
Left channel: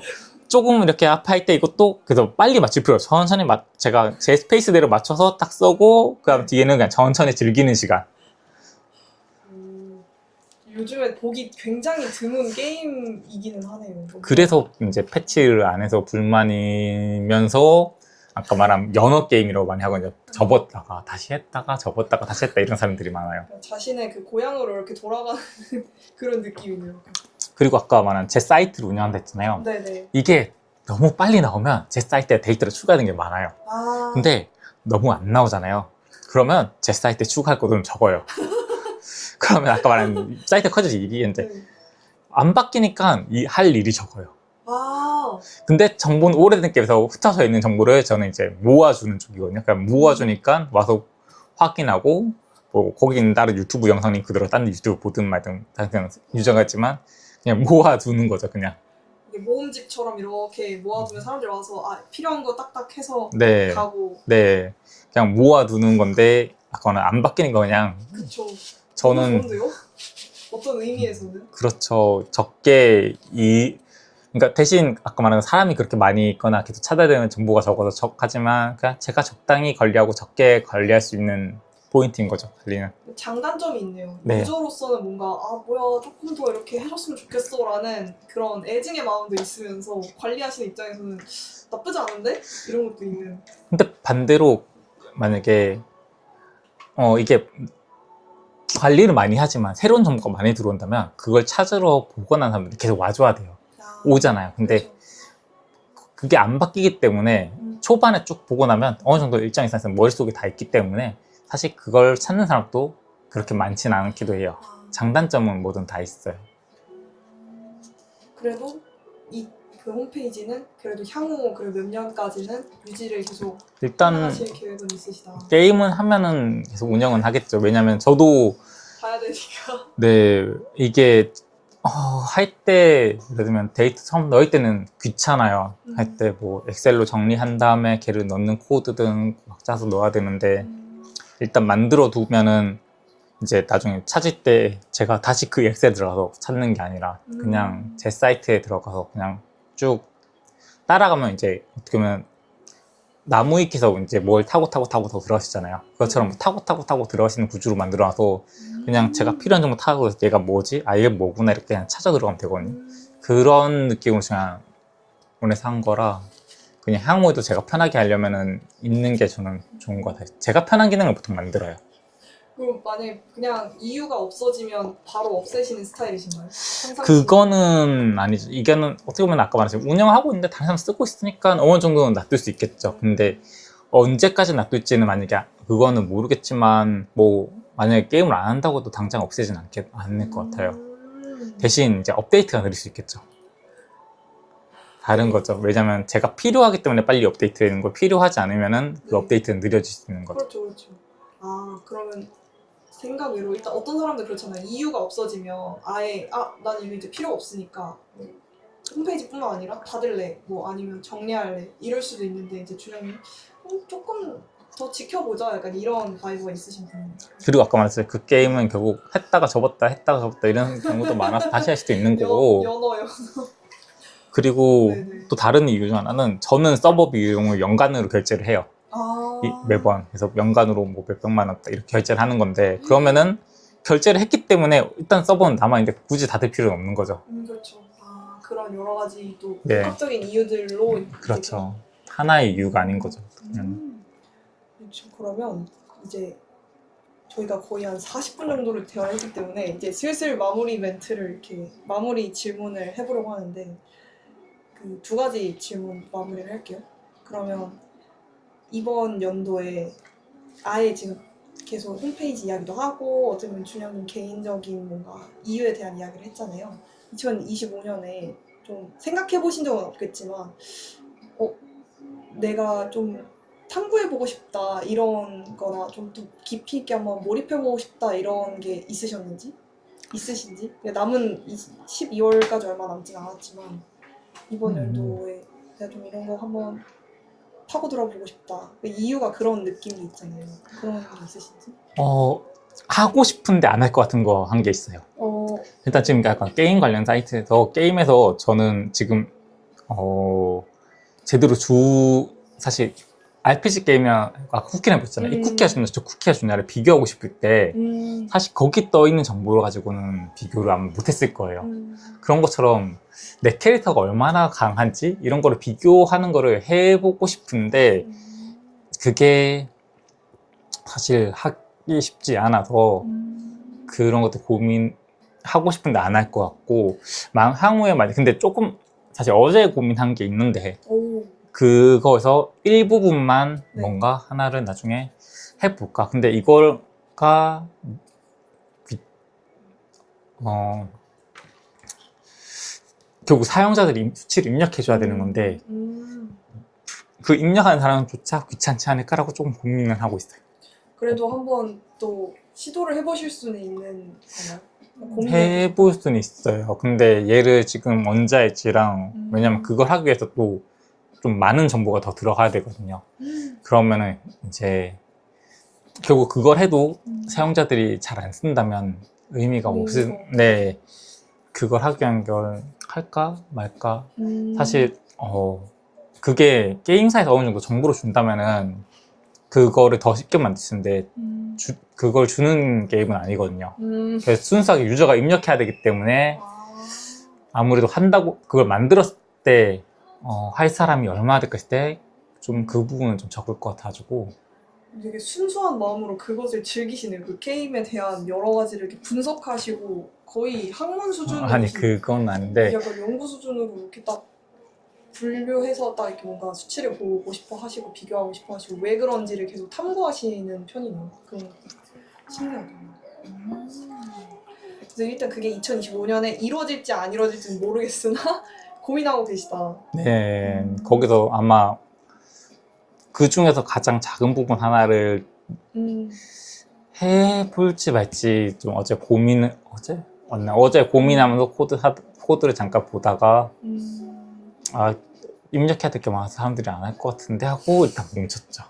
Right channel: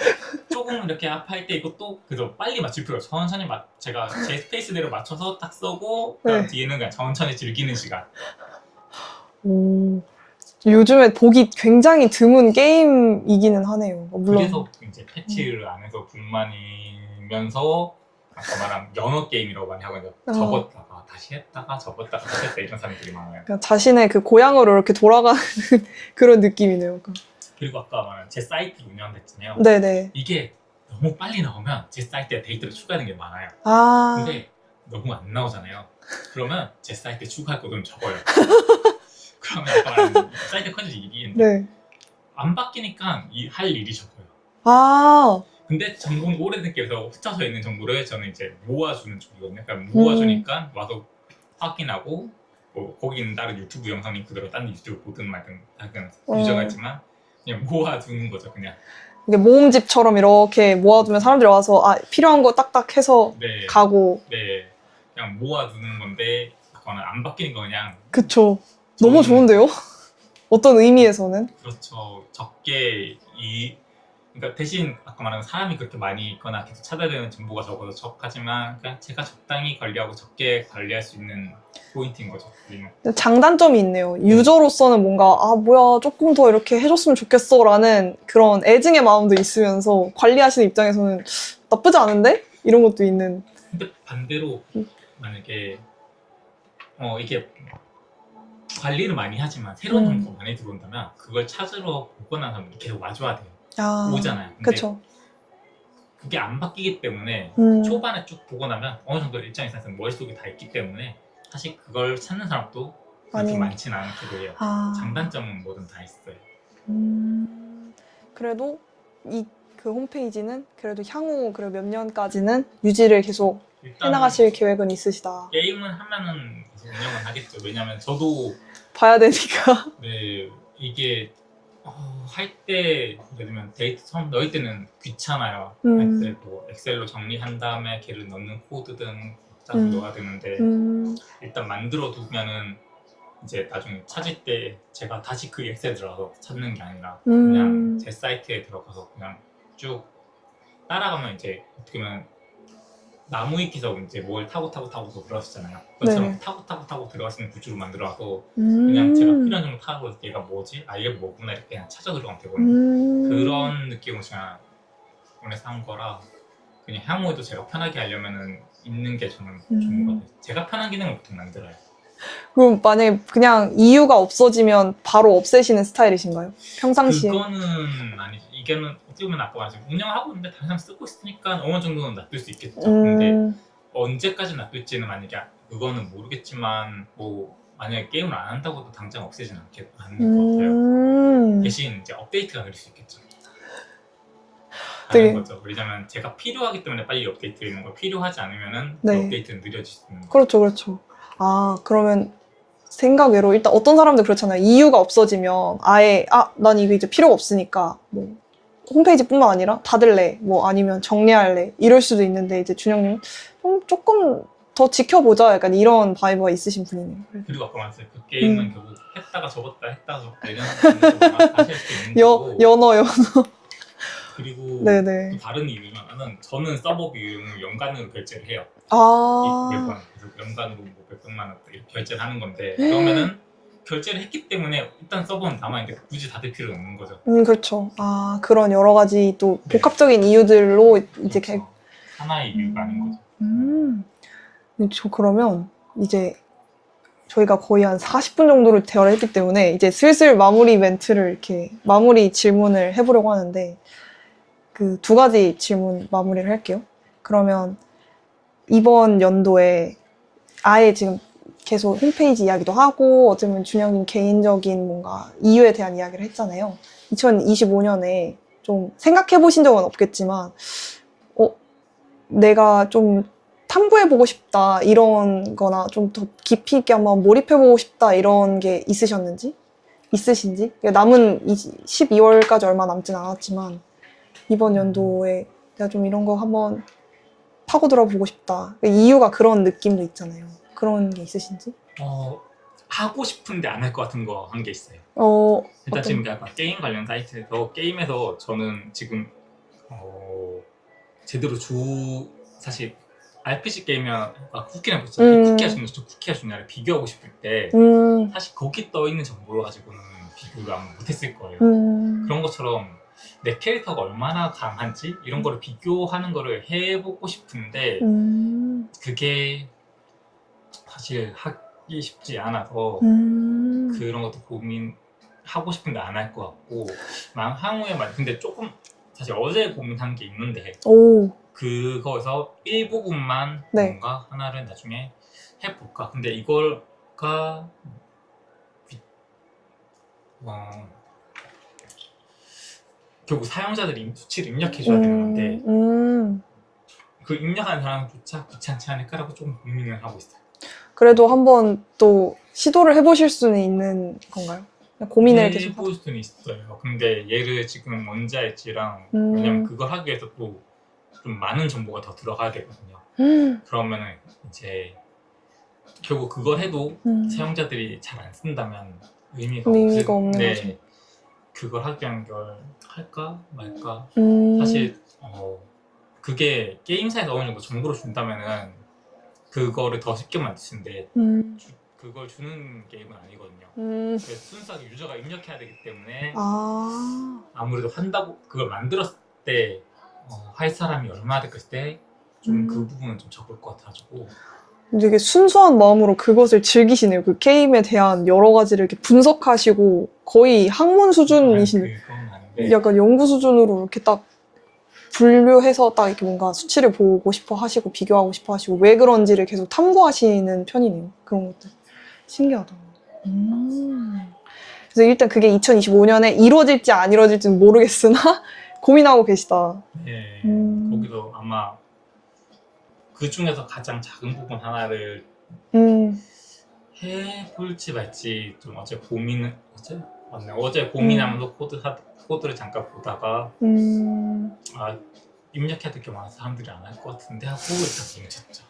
조금 이렇게 아파할 때 이것도 그래서 빨리 맞출 필요 없어요. 천천히 제가 제 스페이스대로 맞춰서 딱 써고 그다음 네. 뒤에는 그냥 천천히 즐기는 시간. 요즘에 보기 굉장히 드문 게임이기는 하네요. 그래서 이제 패치를 안 해서 불만이면서 아까 말한 연어 게임이라고 많이 하거든요. 접었다가 다시 했다가 접었다가 다시 했다 이런 사람들이 많아요. 그러니까 자신의 그 고향으로 이렇게 돌아가는 그런 느낌이네요. 그리고 아까 말한 제 사이트를 운영한다 했잖아요. 네네. 이게 너무 빨리 나오면 제 사이트에 데이터를 추가하는 게 많아요. 근데 너무 안 나오잖아요. 그러면 제 사이트에 추가할 것도 좀 적어요. 그러면 아까 말한 사이트 커져서 일이 있는데 네. 안 바뀌니까 할 일이 적어요. 근데 정보는 오래된 게임에서 흩어져 있는 정보를 저는 이제 모아주는 쪽이거든요. 그러니까 모아주니까 와서 확인하고 뭐 거기는 다른 유튜브 영상 링크들어 다른 유튜브 보든 말든 다른 유저가 있지만 그냥 모아두는 거죠. 그냥 이게 모음집처럼 이렇게 모아두면 사람들이 와서 필요한 거 딱딱 해서 네, 가고. 네, 그냥 모아두는 건데 아까는 안 바뀌는 거 그냥. 그쵸. 너무 좋은데요? 어떤 의미에서는? 그렇죠. 그러니까 대신 아까 말한 사람이 그렇게 많이 있거나 계속 찾아야 되는 정보가 적어서 적하지만 그냥 제가 적당히 관리하고 적게 관리할 수 있는 포인트인 거죠. 관리는. 장단점이 있네요. 네. 유저로서는 뭔가 뭐야 조금 더 이렇게 해줬으면 좋겠어 라는 그런 애증의 마음도 있으면서 관리하시는 입장에서는 나쁘지 않은데? 이런 것도 있는. 근데 반대로 만약에 이게 관리를 많이 하지만 새로운 정보가 많이 들어온다면 그걸 찾으러 보거나 사람들이 계속 와줘야 돼요. 오잖아요. 근데 그쵸. 그게 안 바뀌기 때문에 초반에 쭉 보고 나면 어느 정도 일정 이상에서 머릿속에 다 있기 때문에 사실 그걸 찾는 사람도 그렇게 많지는 않기도 해요. 장단점은 뭐든 다 있어요. 그래도 그 홈페이지는 그래도 향후 그래도 몇 년까지는 유지를 계속 일단 해나가실 계획은 있으시다. 게임은 하면은 계속 운영은 하겠죠. 왜냐면 저도 봐야 되니까. 네 이게 할 때 예를 들면 데이터 처음 넣을 때는 귀찮아요. 할 때 뭐 엑셀로 정리한 다음에 걔를 넣는 코드든 막 짜서 넣어야 되는데 일단 만들어 두면은 이제 나중에 찾을 때 제가 다시 그 엑셀 들어가서 찾는 게 아니라 그냥 제 사이트에 들어가서 그냥 쭉 따라가면 이제 어떻게 보면 나무위키에서 이제 뭘 타고 더 들어가시잖아요. 그것처럼 네. 타고 들어가시는 구조로 만들어놔서 그냥 제가 필요한 정보 타고 얘가 뭐지? 아, 이게 뭐구나 이렇게 그냥 찾아 들어가면 되거든요. 그런 느낌으로 그냥 원해서 한 거라 그냥 향후에도 제가 편하게 하려면은 있는 게 저는 좋은 것 같아요. 제가 편한 기능을 보통 만들어요. 그럼 만약에 그냥 이유가 없어지면 바로 없애시는 스타일이신가요? 평상시에? 그거는 아니죠. 이거는 어떻게 보면 아까 말했지만 운영하고 있는데 다른 사람 쓰고 있으니까 어느 정도는 놔둘 수 있겠죠. 근데 언제까지 놔둘지는 만약에 그거는 모르겠지만 뭐 만약에 게임을 안 한다고도 당장 없애진 않을 것 같아요. 대신 이제 업데이트가 느릴 수 있겠죠. 다른 되게- 거죠. 왜냐면 제가 필요하기 때문에 빨리 업데이트되는 거 필요하지 않으면은 네. 그 업데이트는 느려질 수 있는 거죠. 그렇죠, 그렇죠. 아, 그러면 생각 외로 일단 어떤 사람들 그렇잖아요. 이유가 없어지면 아예 난 이거 이제 필요가 없으니까 뭐 홈페이지뿐만 아니라 닫을래, 뭐 아니면 정리할래 이럴 수도 있는데 이제 준영님은 조금 더 지켜보자 약간 이런 바이브가 있으신 분이네요. 그래서 그리고 아까 말했어요. 그 게임은 결국 했다가 접었다 이런 경우도 많아서 다시 할 수도 있는 거고. 연어요. 그리고 네네. 또 다른 이유 중 하나는 저는 서버 비용을 연간으로 결제를 해요. 매번. 그래서 연간으로 뭐 몇백만 원 이렇게 결제를 하는 건데 그러면은 결제를 했기 때문에 일단 서버는 남아있는데 굳이 닫을 필요는 없는 거죠. 그렇죠. 그런 여러 가지 또 네. 복합적인 이유들로 이제 그렇죠. 하나의 이유가 아닌 거죠. 그러면 이제 저희가 거의 한 40분 정도를 대화를 했기 때문에 이제 슬슬 마무리 멘트를 이렇게 마무리 질문을 해보려고 하는데 그 두 가지 질문 마무리를 할게요. 그러면 이번 연도에 아예 지금 계속 홈페이지 이야기도 하고 어쩌면 준영님 개인적인 뭔가 이유에 대한 이야기를 했잖아요. 2025년에 좀 생각해 보신 적은 없겠지만 내가 좀 탐구해보고 싶다 이런 거나 좀 더 깊이 있게 한번 몰입해보고 싶다 이런 게 있으신지 남은 12월까지 얼마 남진 않았지만 이번 연도에 내가 좀 이런 거 한번 파고들어보고 싶다 이유가 그런 느낌도 있잖아요. 그런 게 있으신지? 하고 싶은데 안 할 것 같은 거 한 게 있어요. 일단 지금 약간 게임 관련 사이트에서 게임에서 저는 지금 제대로 사실 RPG 게임이랑 아까 쿠키랑 했잖아요. 이 쿠키가 좋냐 저 쿠키가 좋냐를 비교하고 싶을 때 사실 거기 떠 있는 정보를 가지고는 비교를 아마 못했을 거예요. 그런 것처럼 내 캐릭터가 얼마나 강한지 이런 거를 비교하는 거를 해보고 싶은데 그게 사실 하기 쉽지 않아서 그런 것도 고민하고 싶은데 안 할 것 같고 향후에 근데 조금 사실 어제 고민한 게 있는데 그거에서 일부분만 네. 뭔가 하나를 나중에 해볼까. 근데 이걸가 결국 사용자들이 수치를 입력해줘야 되는 건데 그 입력하는 사람조차 귀찮지 않을까라고 조금 고민을 하고 있어요. 그래도 한번 또 시도를 해보실 수는 있는 건가요? 해볼 수는 있어요. 근데 얘를 지금 원자일지랑 왜냐면 그걸 하기 위해서 또 좀 많은 정보가 더 들어가야 되거든요. 그러면은 이제 결국 그걸 해도 사용자들이 잘 안 쓴다면 의미가 없는 네, 그걸 하기 위한 걸 할까 말까. 사실 그게 게임사에서 어느 정도 정보를 준다면은 그거를 더 쉽게 만들 텐데 그걸 주는 게임은 아니거든요. 그래서 순수하게 유저가 입력해야 되기 때문에 아무래도 그걸 만들었을 때 할 사람이 얼마나 될까 했을 때 좀 그 부분은 좀 적을 것 같아가지고 되게 순수한 마음으로 그것을 즐기시네요. 그 게임에 대한 여러 가지를 이렇게 분석하시고 거의 학문 수준이신 그건 아닌데 약간 연구 수준으로 이렇게 딱 분류해서 딱 이렇게 뭔가 수치를 보고 싶어 하시고 비교하고 싶어 하시고 왜 그런지를 계속 탐구하시는 편이네요. 그런 것도 신기하다. 그래서 일단 그게 2025년에 이루어질지 안 이루어질지는 모르겠으나 고민하고 계시다. 네, 거기서 아마 그 중에서 가장 작은 부분 하나를 음, 해볼지 말지 좀 어제 맞나? 어제 고민하면서 코드를 잠깐 보다가 아, 입력해야 될 게 많아서 사람들이 안 할 것 같은데 하고 일단 멈췄죠.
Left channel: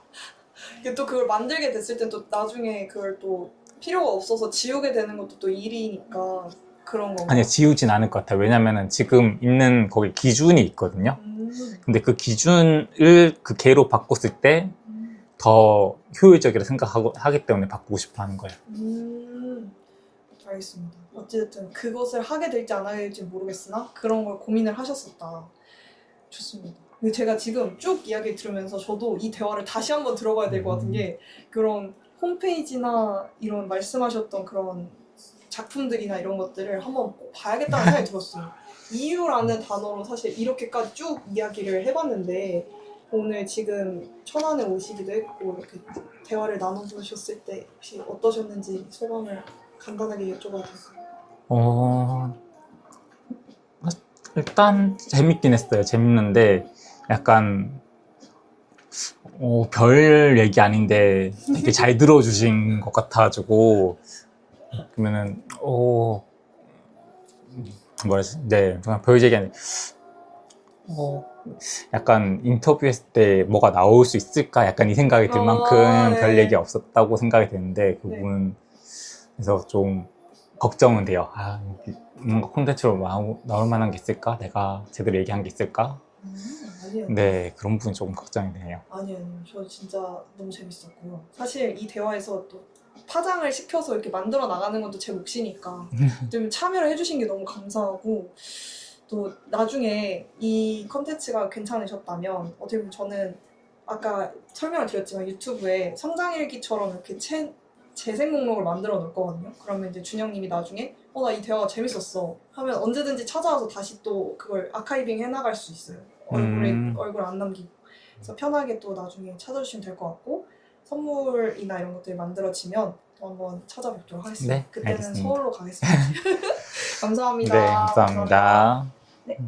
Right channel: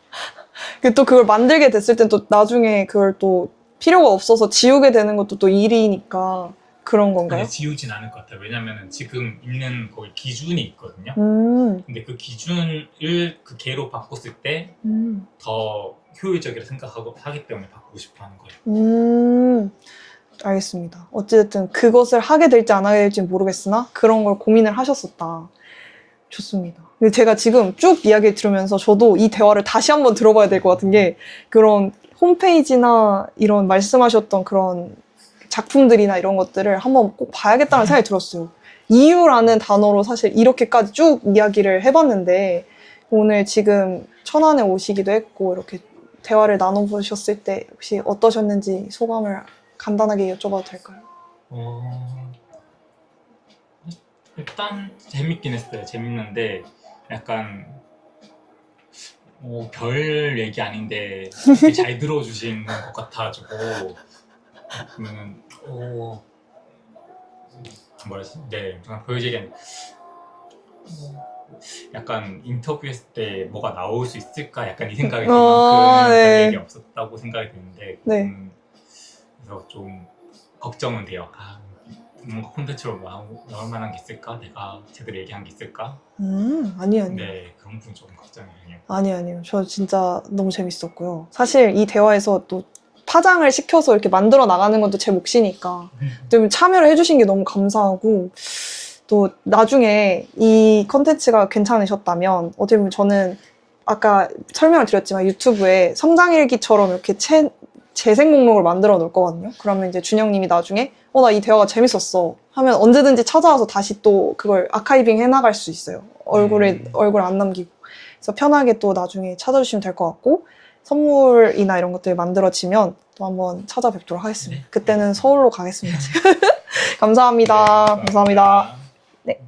또 그걸 만들게 됐을 땐 또 나중에 그걸 또 필요가 없어서 지우게 되는 것도 또 일이니까 그런 건가요? 아니, 지우진 않을 것 같아요. 왜냐면은 지금 있는 거기 기준이 있거든요. 근데 그 기준을 그 개로 바꿨을 때 더 효율적이라 하기 때문에 바꾸고 싶어 하는 거예요. 알겠습니다. 어찌됐든 그것을 하게 될지 안 하게 될지 모르겠으나 그런 걸 고민을 하셨었다. 좋습니다. 근데 제가 지금 쭉 이야기 들으면서 저도 이 대화를 다시 한번 들어봐야 될 것 같은 게 그런 홈페이지나 이런 말씀하셨던 그런 작품들이나 이런 것들을 한번 꼭 봐야겠다는 생각이 들었어요. 이유라는 단어로 사실 이렇게까지 쭉 이야기를 해봤는데 오늘 지금 천안에 오시기도 했고 이렇게 대화를 나눠보셨을 때 혹시 어떠셨는지 소감을 간단하게 여쭤봐도 될까요? 일단 재밌긴 했어요. 재밌는데 약간 별 얘기 아닌데 되게 잘 들어주신 것 같아가지고 그러면은 네, 그냥 별 얘기 아니 약간 인터뷰했을 때 뭐가 나올 수 있을까 약간 이 생각이 들 만큼 네. 별 얘기 없었다고 생각이 되는데 그 네. 부분에서 좀 걱정은 돼요. 뭔가 콘텐츠로 나올 만한 게 있을까? 내가 제대로 얘기한 게 있을까? 아니요. 네, 그런 부분이 조금 걱정이 되네요. 아니요. 저 진짜 너무 재밌었고요. 사실 이 대화에서 또 파장을 시켜서 이렇게 만들어 나가는 것도 제 몫이니까 좀 참여를 해주신 게 너무 감사하고 또 나중에 이 컨텐츠가 괜찮으셨다면 어떻게 보면 저는 아까 설명을 드렸지만 유튜브에 성장일기처럼 이렇게 재생 목록을 만들어 놓을 거거든요. 그러면 이제 준영님이 나중에 나 이 대화가 재밌었어 하면 언제든지 찾아와서 다시 또 그걸 아카이빙 해나갈 수 있어요. 얼굴 안 남기고. 그래서 편하게 또 나중에 찾아주시면 될 것 같고 선물이나 이런 것들이 만들어지면 또 한번 찾아뵙도록 하겠습니다. 네, 그때는 알겠습니다. 서울로 가겠습니다. 감사합니다. 네, 감사합니다.